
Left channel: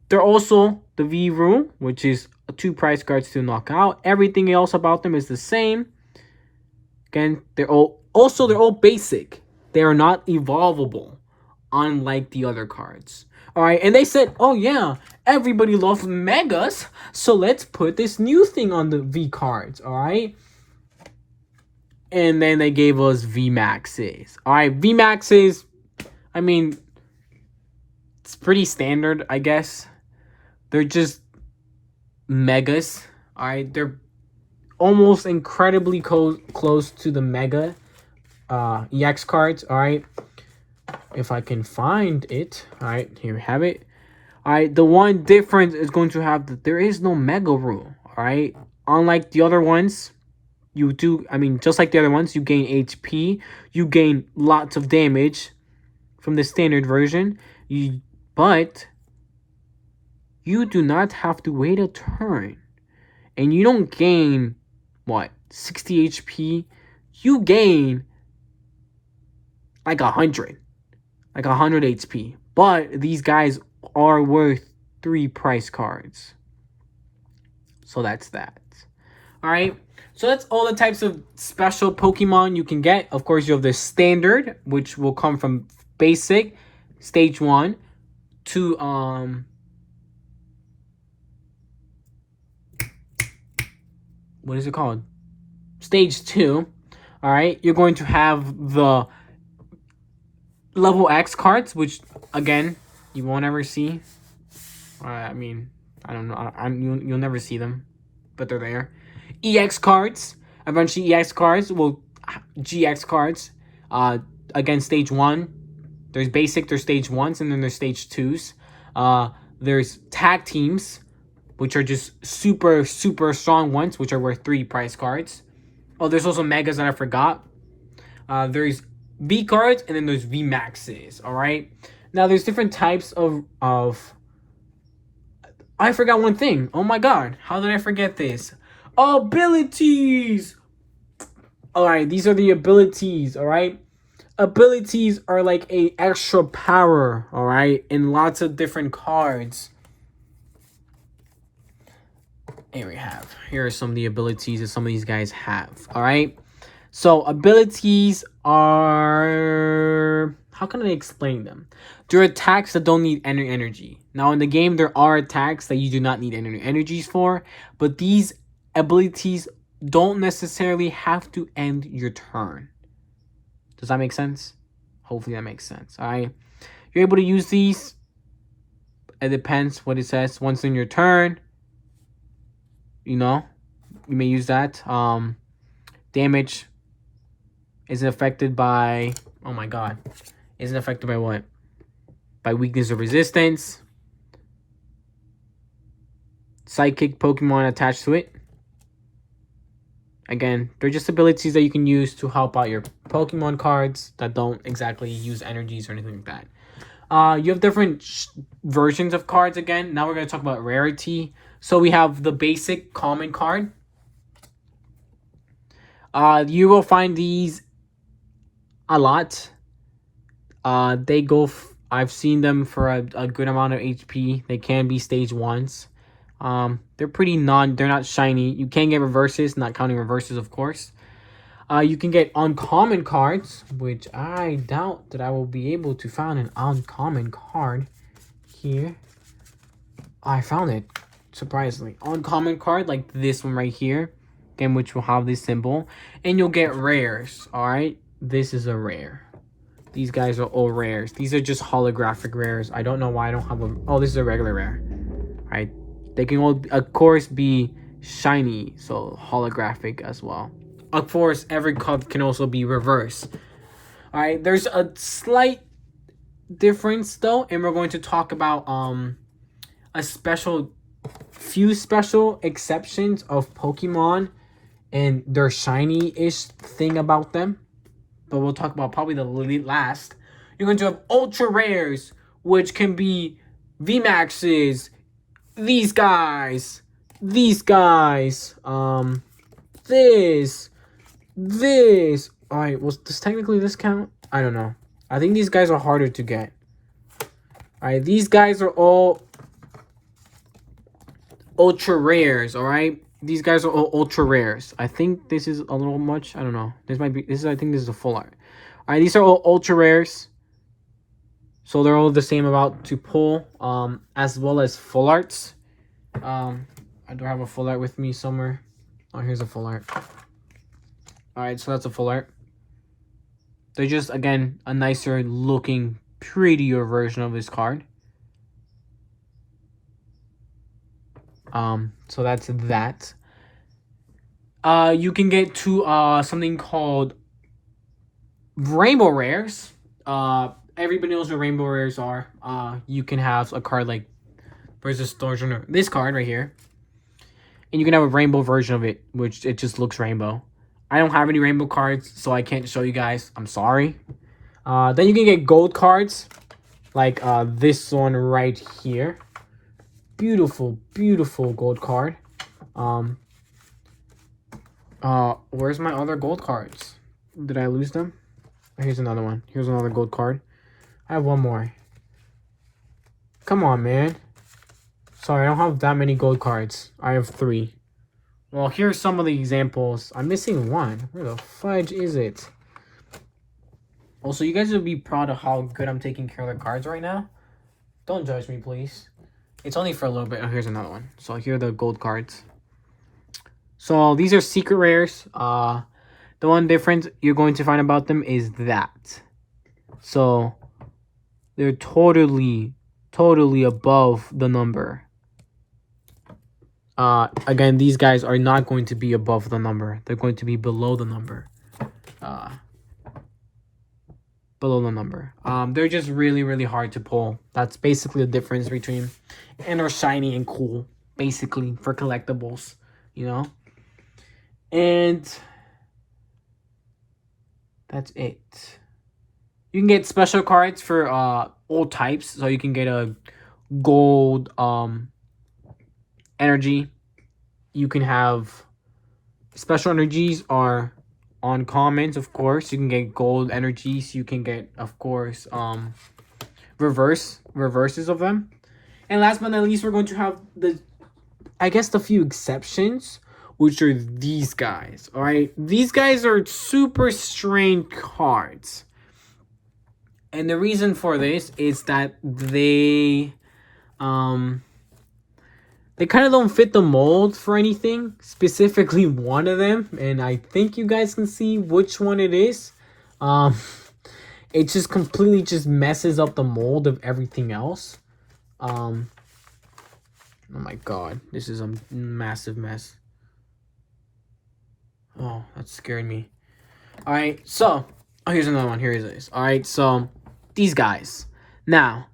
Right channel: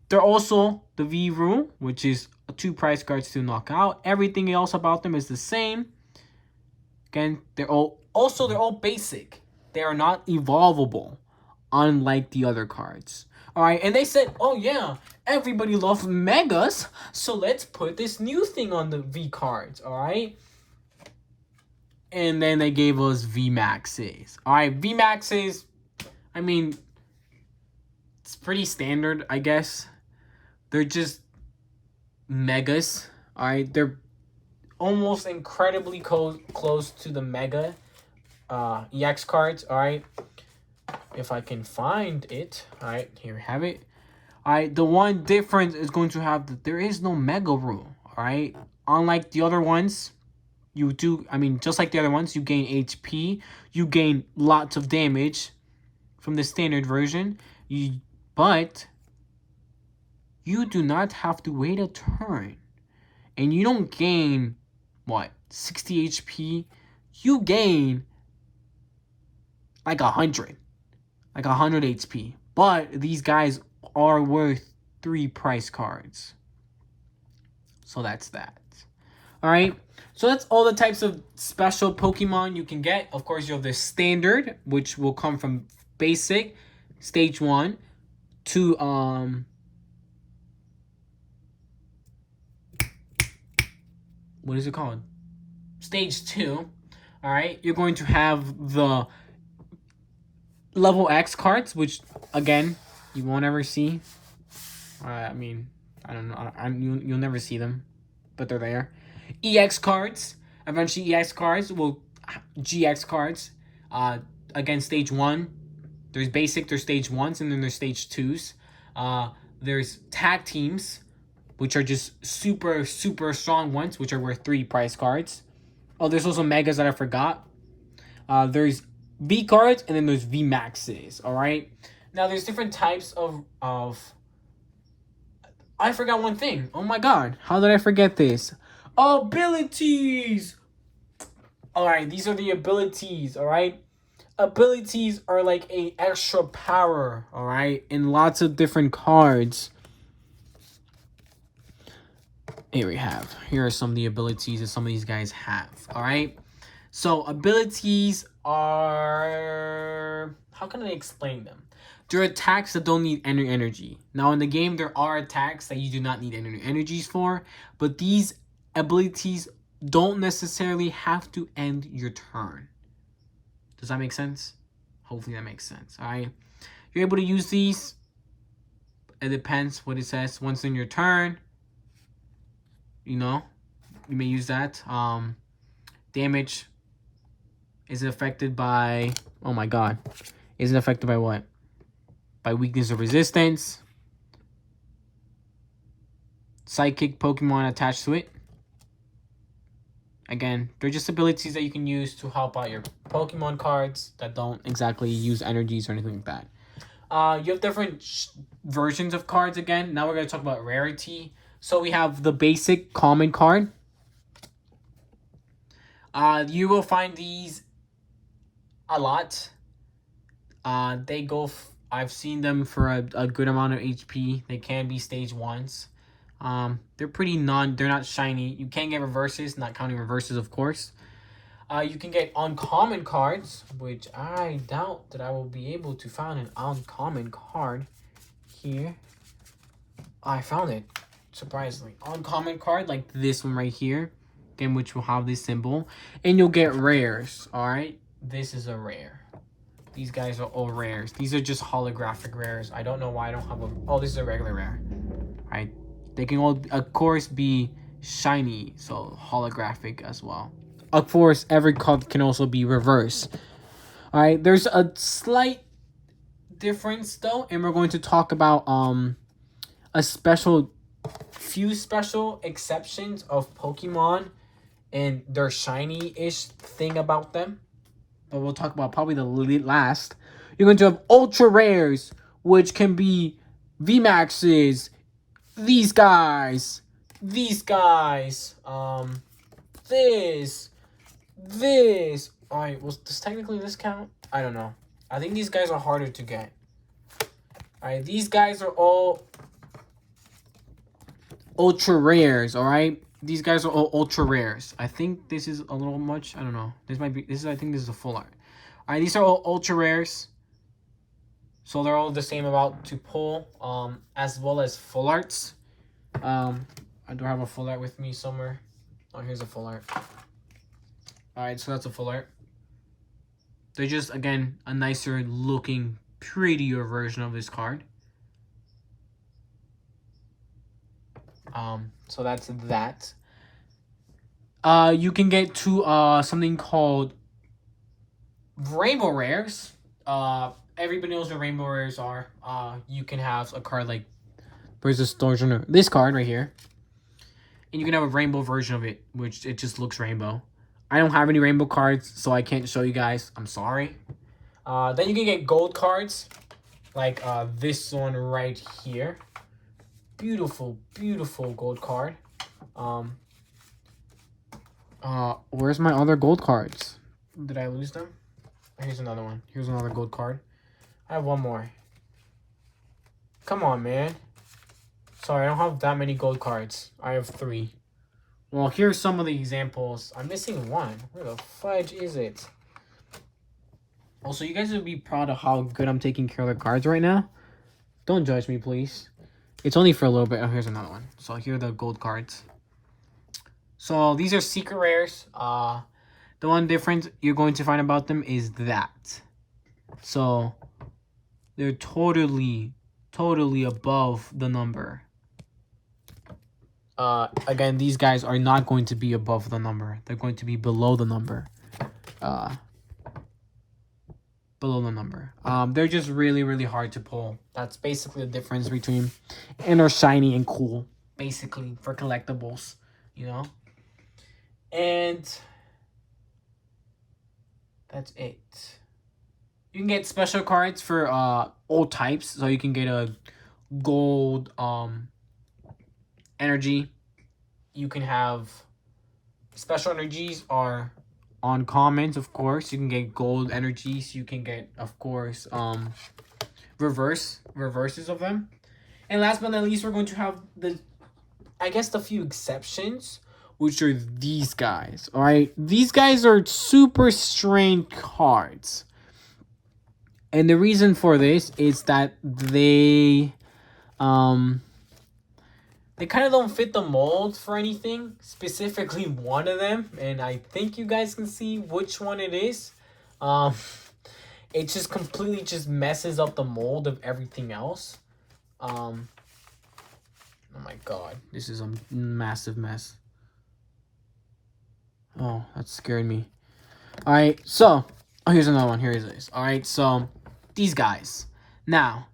They're also the V-Room, which is 2 price cards to knock out. Everything else about them is the same. Again, they're all basic. They are not evolvable, unlike the other cards. Alright, and they said, oh yeah, everybody loves megas, so let's put this new thing on the V cards, alright? And then they gave us V Maxes. Alright, V Maxes, I mean, it's pretty standard, I guess. They're just megas, alright? They're almost incredibly close to the mega EX cards, alright? If I can find it. Alright, here we have it. Alright, the one difference is going to have that there is no mega rule. Alright, unlike the other ones, you do, I mean, just like the other ones, you gain HP, you gain lots of damage from the standard version, but you do not have to wait a turn. And you don't gain, what, 60 HP? You gain like 100. Like 100 HP. But these guys are worth 3 price cards. So that's that. All right. So that's all the types of special Pokemon you can get. Of course, you have the standard, which will come from basic, stage 1, to what is it called? Stage 2. All right. You're going to have the level X cards, which again you won't ever see. I mean, I don't know. You'll never see them, but they're there. EX cards. Eventually, EX cards will GX cards. Again, stage 1. There's basic. There's stage 1s, and then there's stage 2s. There's tag teams, which are just super strong ones, which are worth 3 prize cards. Oh, there's also megas that I forgot. There's V cards, and then there's V maxes. All right. Now there's different types of. I forgot one thing. Oh my god, how did I forget this? Abilities. All right, these are the abilities. All right, abilities are like a extra power. All right, in lots of different cards. Here are some of the abilities that some of these guys have. All right. So abilities are, how can I explain them? They're attacks that don't need any energy. Now in the game, there are attacks that you do not need any energies for, but these abilities don't necessarily have to end your turn. Does that make sense? Hopefully that makes sense. All right. You're able to use these. It depends what it says. Once in your turn, you know, you may use that. Damage isn't affected by, oh my god, isn't affected by what? By weakness or resistance. Psychic Pokemon attached to it. Again, they're just abilities that you can use to help out your Pokemon cards that don't exactly use energies or anything like that. You have different versions of cards again. Now we're going to talk about rarity. So we have the basic common card. You will find these a lot. They go. I've seen them for a good amount of HP. They can be stage 1s. They're pretty they're not shiny. You can get reverses, not counting reverses, of course. You can get uncommon cards, which I doubt that I will be able to find an uncommon card here. I found it, surprisingly. Uncommon card, like this one right here, again, which will have this symbol. And you'll get rares, all right? This is a rare. These guys are all rares. These are just holographic rares. I don't know why I don't have them. Oh, this is a regular rare. All right. They can all, of course, be shiny, so holographic as well. Of course, every card can also be reverse. All right. There's a slight difference, though, and we're going to talk about few special exceptions of Pokemon and their shiny-ish thing about them. But we'll talk about probably the last. You're going to have ultra rares, which can be VMAXs, these guys, this. All right, well, does technically this count? I don't know. I think these guys are harder to get. All right, these guys are all ultra rares. All right. These guys are all ultra rares. I think this is a little much. I don't know. This might be. I think this is a full art. All right, these are all ultra rares. So they're all the same about to pull. As well as full arts. I do have a full art with me somewhere. Oh, here's a full art. All right, so that's a full art. They're just, again, a nicer looking, prettier version of this card. So that's that. You can get to something called rainbow rares. Everybody knows what rainbow rares are. You can have a card like, where's this version? This card right here, and you can have a rainbow version of it, which it just looks rainbow. I don't have any rainbow cards, so I can't show you guys. I'm sorry. Then you can get gold cards, like this one right here. Beautiful, beautiful gold card. Where's my other gold cards? Did I lose them? Here's another one. Here's another gold card. I have one more. Come on, man. Sorry, I don't have that many gold cards. I have 3. Well, here are some of the examples. I'm missing one. Where the fudge is it? Also, you guys will be proud of how good I'm taking care of the cards right now. Don't judge me, please. It's only for a little bit. Oh, here's another one. So here are the gold cards. So these are secret rares. The one difference you're going to find about them is that. So they're totally above the number. Again, these guys are not going to be above the number. They're going to be below the number. Below the number. They're just really hard to pull. That's basically the difference between, and they're shiny and cool, basically, for collectibles, you know? And that's it. You can get special cards for all types. So you can get a gold energy. You can have special energies are uncommons, of course. You can get gold energies. You can get, of course, reverses of them. And last but not least, we're going to have the few exceptions, which are these guys. All right, these guys are super strange cards, and the reason for this is that they kind of don't fit the mold for anything. Specifically, one of them, and I think you guys can see which one it is. It just completely just messes up the mold of everything else. Oh my god, this is a massive mess. Oh, that scared me. All right, so here's another one. Here it is. All right, so these guys. Now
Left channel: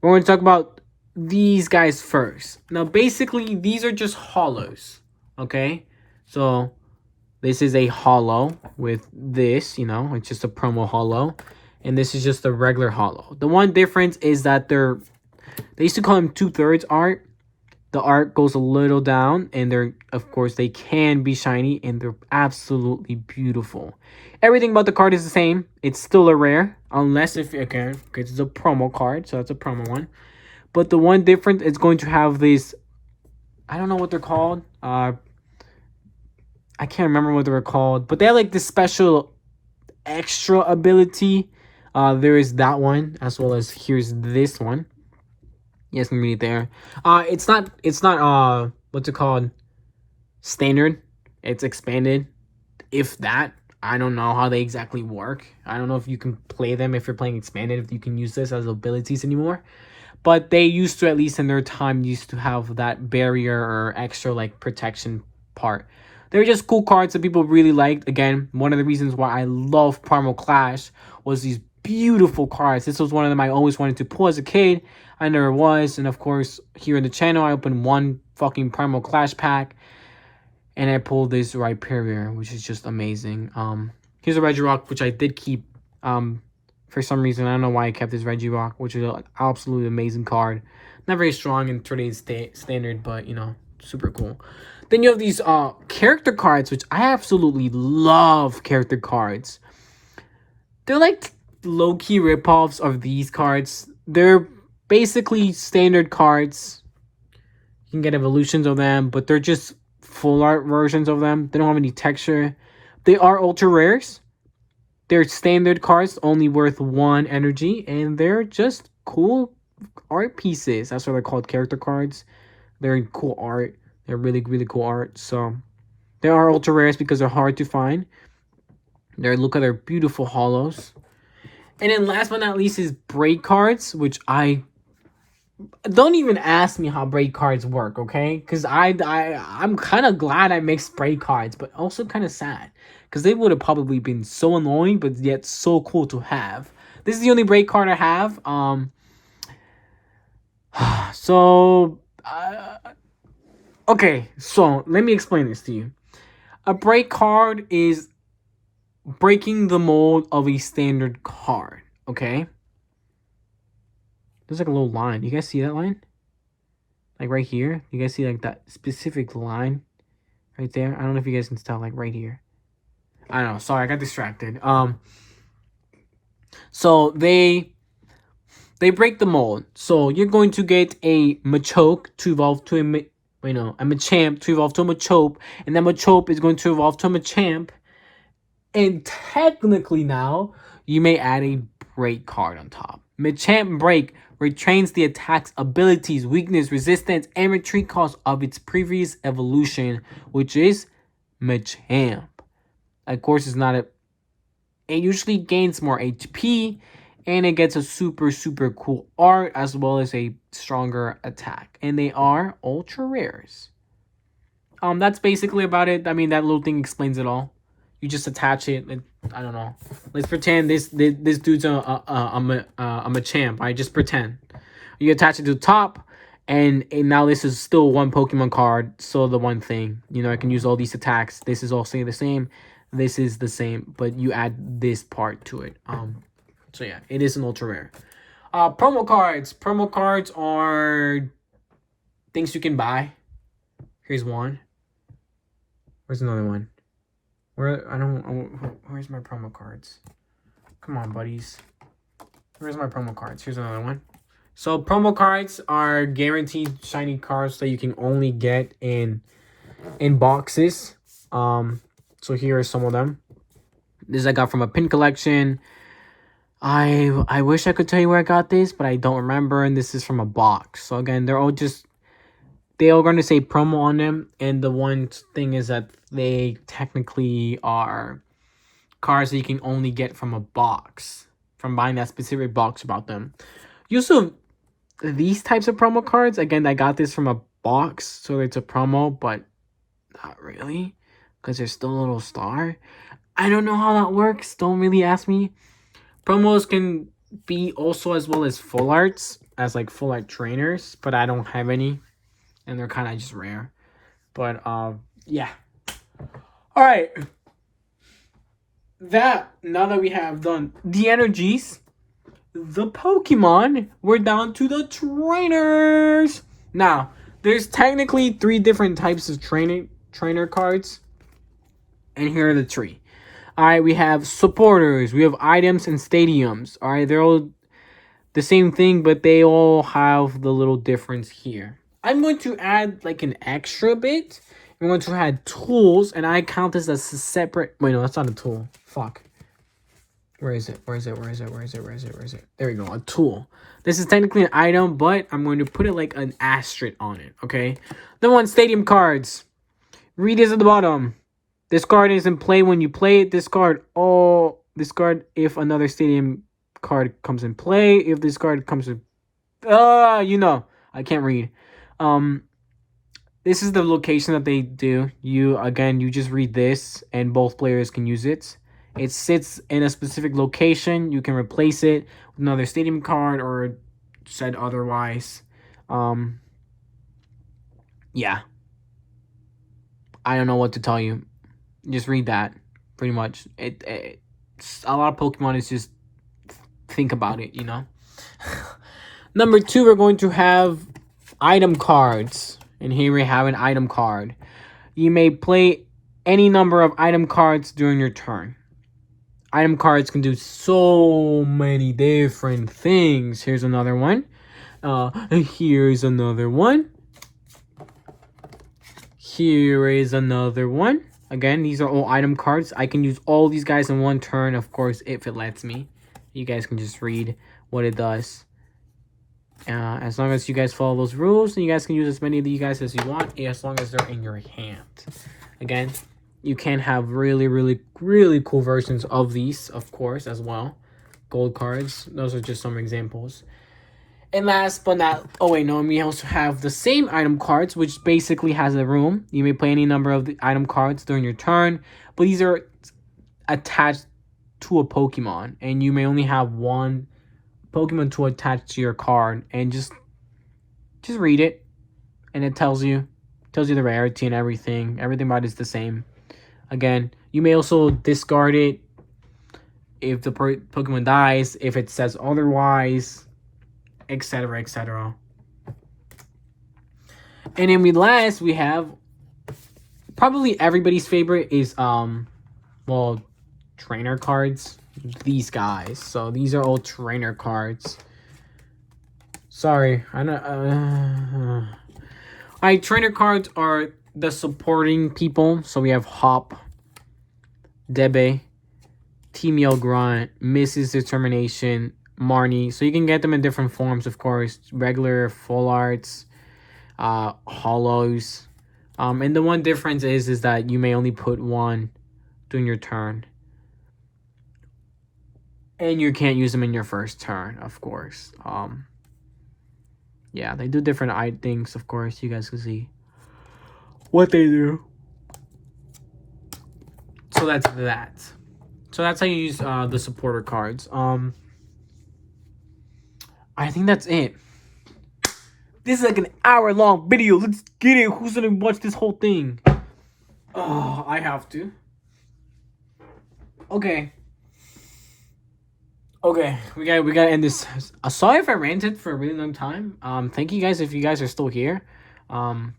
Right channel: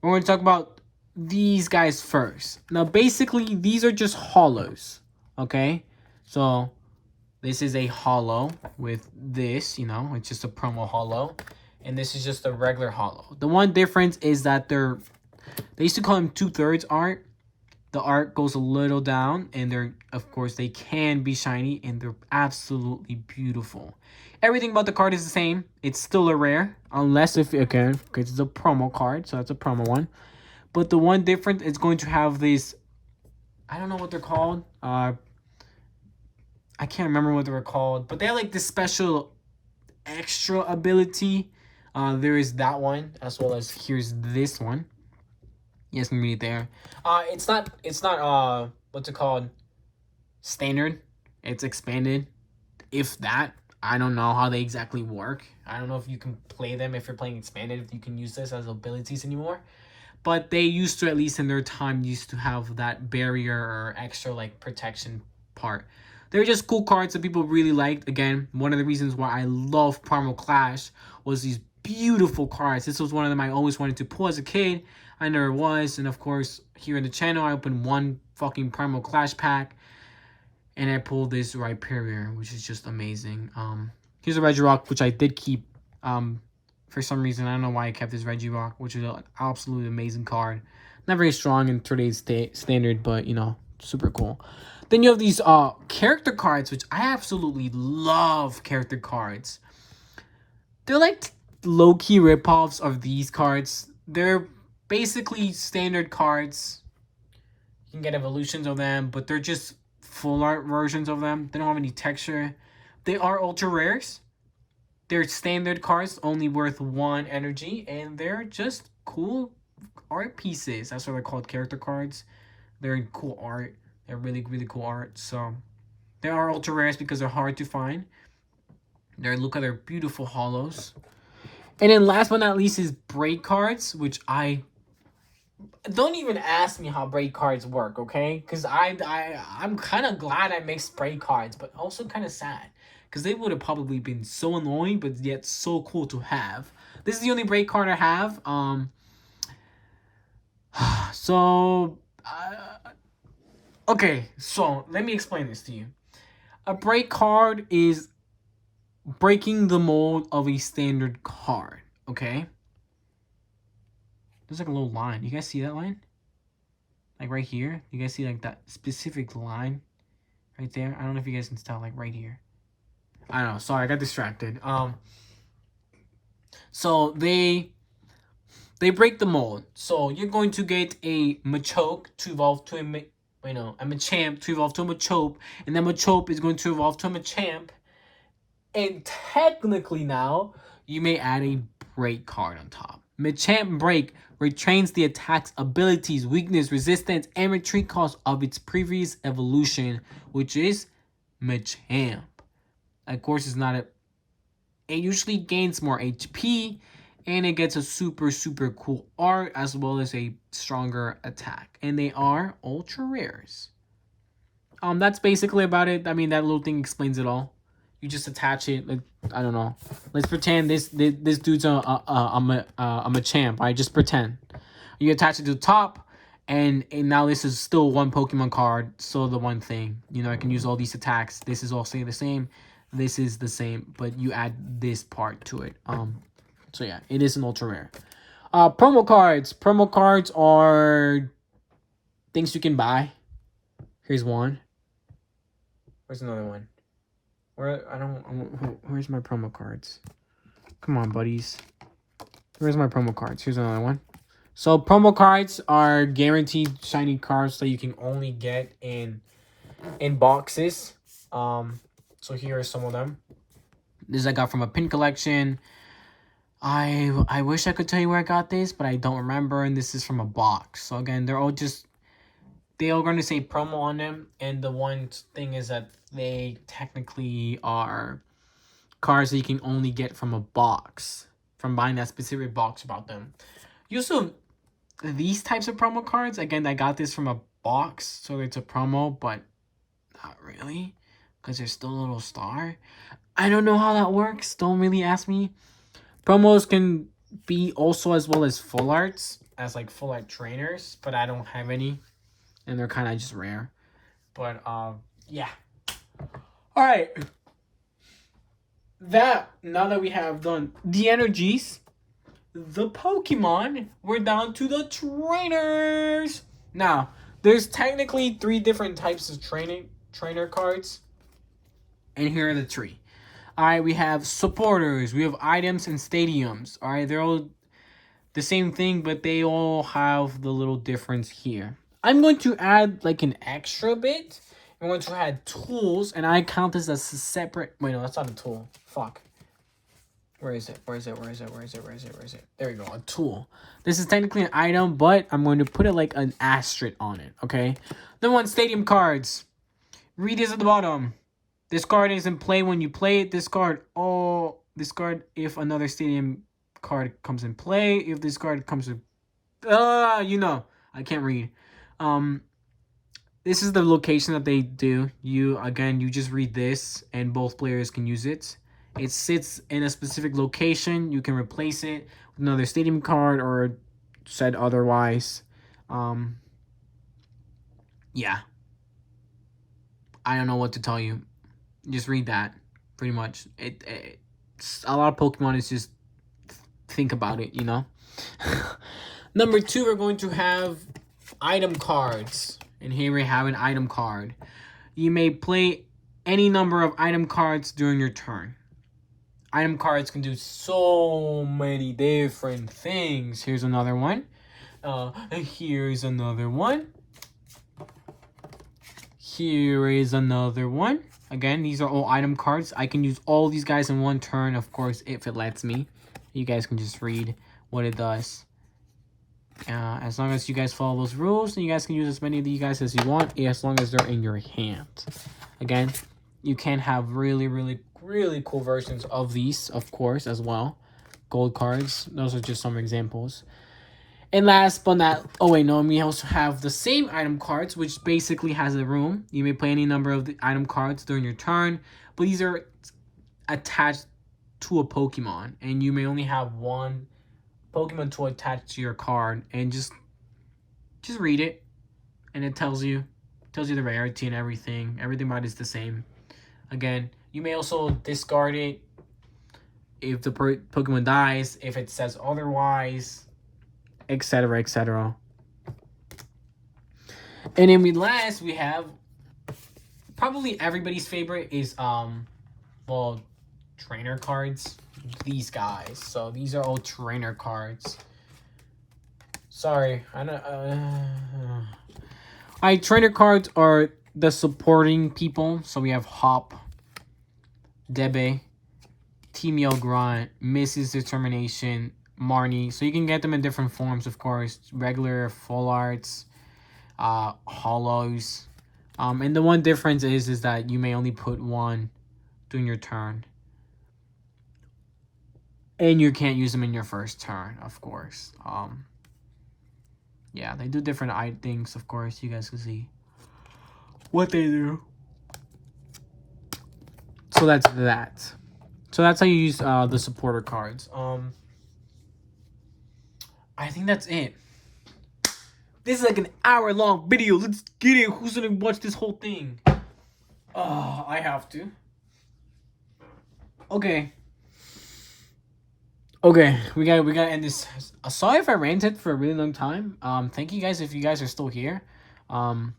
we're going to talk about these guys first. Now, basically, these are just hollows. Okay, so this is a hollow with this. You know, it's just a promo hollow, and this is just a regular hollow. The one difference is that they used to call them 2/3 art. The art goes a little down, and of course, they can be shiny, and they're absolutely beautiful. Everything about the card is the same. It's still a rare, unless because it's a promo card, so that's a promo one. But the one difference is going to have this, I don't know what they're called. I can't remember what they were called, but they have like this special extra ability. There is that one, as well as here's this one. Yes, can read it there. It's not what's it called? Standard. It's expanded. If that, I don't know how they exactly work. I don't know if you can play them if you're playing expanded, if you can use this as abilities anymore. But they used to, at least in their time, used to have that barrier or extra like protection part. They're just cool cards that people really liked. Again, one of the reasons why I love Primal Clash was these beautiful cards. This was one of them I always wanted to pull as a kid. I never was. And of course, here in the channel, I opened one fucking Primal Clash pack. And I pulled this Rhyperior, which is just amazing. Here's a Regirock, which I did keep. For some reason, I don't know why I kept this Regirock, which is an absolutely amazing card. Not very strong in today's standard, but, you know, super cool. Then you have these character cards, which I absolutely love character cards. They're like low-key ripoffs of these cards. They're basically standard cards. You can get evolutions of them, but they're just full art versions of them. They don't have any texture. They are ultra rares. They're standard cards, only worth 1 energy, and they're just cool art pieces. That's why they're called character cards. They're in cool art. They're really cool art. So they are ultra rares because they're hard to find. Look at their beautiful hollows. And then last but not least is break cards, which don't even ask me how break cards work, okay? Because I'm kind of glad I mixed break cards, but also kind of sad. Because they would have probably been so annoying, but yet so cool to have. This is the only break card I have. Okay, so let me explain this to you. A break card is breaking the mold of a standard card, okay? There's like a little line. You guys see that line? Like right here? You guys see like that specific line right there? I don't know if you guys can tell, like right here. I don't know. Sorry, I got distracted. So they break the mold. So you're going to get a Machoke to evolve to Wait, no. A Machamp to evolve to a Machop. And then Machop is going to evolve to a Machamp. And technically now, you may add a Break card on top. Machamp Break retrains the attack's abilities, weakness, resistance, and retreat cost of its previous evolution, which is Machamp. Of course, it's not a... It usually gains more HP, and it gets a super, super cool art, as well as a stronger attack. And they are ultra rares. That's basically about it. I mean, that little thing explains it all. You just attach it. I don't know. Let's pretend this dude's a Machamp. I just pretend. You attach it to the top, and now this is still one Pokemon card. So the one thing, you know, I can use all these attacks. This is all the same. This is the same, but you add this part to it. So yeah, it is an ultra rare. Promo cards. Promo cards are things you can buy. Here's one. Where's another one? Where's my promo cards? Come on, buddies. Where's my promo cards? Here's another one. So promo cards are guaranteed shiny cards that you can only get in boxes. So here are some of them. This I got from a pin collection. I wish I could tell you where I got this, but I don't remember. And this is from a box. So again, they're all going to say promo on them. And the one thing is that they technically are cards that you can only get from a box, from buying that specific box about them. Usually, these types of promo cards, again, I got this from a box, so it's a promo, but not really, because there's still a little star. I don't know how that works. Don't really ask me. Promos can be also as well as full arts, as like full art trainers, but I don't have any. And they're kind of just rare. But, yeah. Alright. Now that we have done the energies, the Pokemon, we're down to the trainers. Now, there's technically 3 different types of trainer cards. And here are the 3. Alright, we have supporters, we have items, and stadiums. Alright, they're all the same thing, but they all have the little difference here. I'm going to add like an extra bit. I'm going to add tools, and I count this as a separate... Wait, no, that's not a tool. Fuck. Where is it? There we go, a tool. This is technically an item, but I'm going to put it like an asterisk on it, okay? Number 1, stadium cards. Read this at the bottom. This card is in play when you play it. Discard if another stadium card comes in play. If this card comes in... you know. I can't read. This is the location that they do. You just read this, and both players can use it. It sits in a specific location. You can replace it with another stadium card or said otherwise. Yeah. I don't know what to tell you. Just read that, pretty much. A lot of Pokemon is just think about it, you know. Number 2, we're going to have item cards. And here we have an item card. You may play any number of item cards during your turn. Item cards can do so many different things. Here's another one. Here's another one. Here is another one. Again, these are all item cards. I can use all these guys in one turn, of course, if it lets me. You guys can just read what it does. As long as you guys follow those rules, and you guys can use as many of you guys as you want, as long as they're in your hand. Again, you can have really, really, really cool versions of these, of course, as well. Gold cards. Those are just some examples. And last but not... Oh, wait, no. We also have the same item cards, which basically has a room. You may play any number of the item cards during your turn. But these are attached to a Pokemon. And you may only have one Pokemon to attach to your card. And just read it. And it tells you the rarity and everything. Everything about it is the same. Again, you may also discard it if the Pokemon dies, if it says otherwise, etc., etc. And then we have probably everybody's favorite is well, trainer cards. These guys. So these are all trainer cards. Sorry, I know. My trainer cards are the supporting people. So we have Hop, Debe, Team Yell Grunt, Mrs. Determination, Marnie. So you can get them in different forms, of course. Regular, full arts, hollows. And the one difference is that you may only put one during your turn. And you can't use them in your first turn, of course. Yeah, they do different things, of course. You guys can see what they do. So that's that. So that's how you use the supporter cards. I think that's it. This is like an hour-long video. Let's get it. Who's gonna watch this whole thing? Oh, I have to. Okay. Okay, we gotta end this. Sorry if I ranted for a really long time. Thank you guys if you guys are still here. I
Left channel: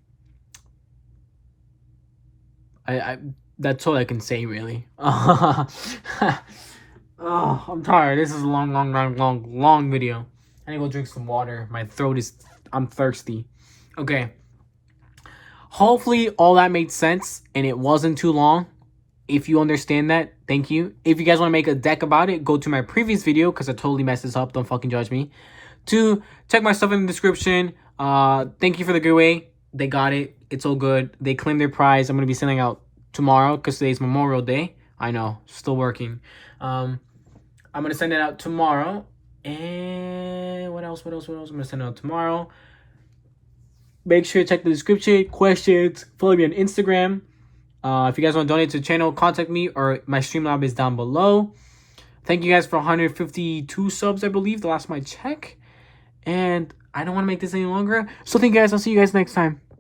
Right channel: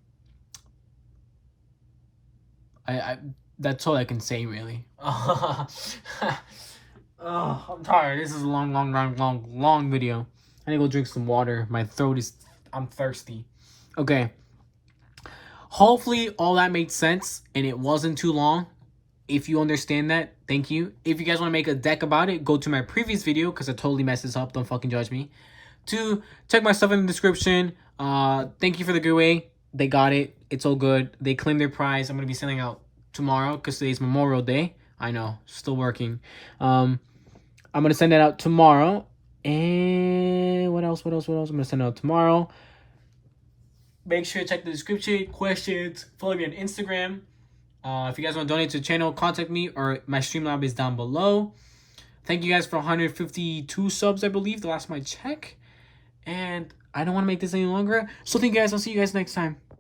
that's all I can say really. Oh, I'm tired. This is a long video. I need to go drink some water. My throat is. I'm thirsty. Okay. Hopefully all that made sense and it wasn't too long. If you understand that, thank you. If you guys want to make a deck about it, go to my previous video because I totally messed this up. Don't fucking judge me. To check my stuff in the description. Thank you for the giveaway. They got it. It's all good. They claimed their prize. I'm going to be sending out tomorrow because today's Memorial Day. I know. Still working. I'm going to send it out tomorrow. And what else? I'm going to send it out tomorrow. Make sure to check the description. Questions. Follow me on Instagram. If you guys want to donate to the channel, contact me or my Streamlab is down below. Thank you guys for 152 subs, I believe, the last time I check. And I don't want to make this any longer. So thank you guys. I'll see you guys next time.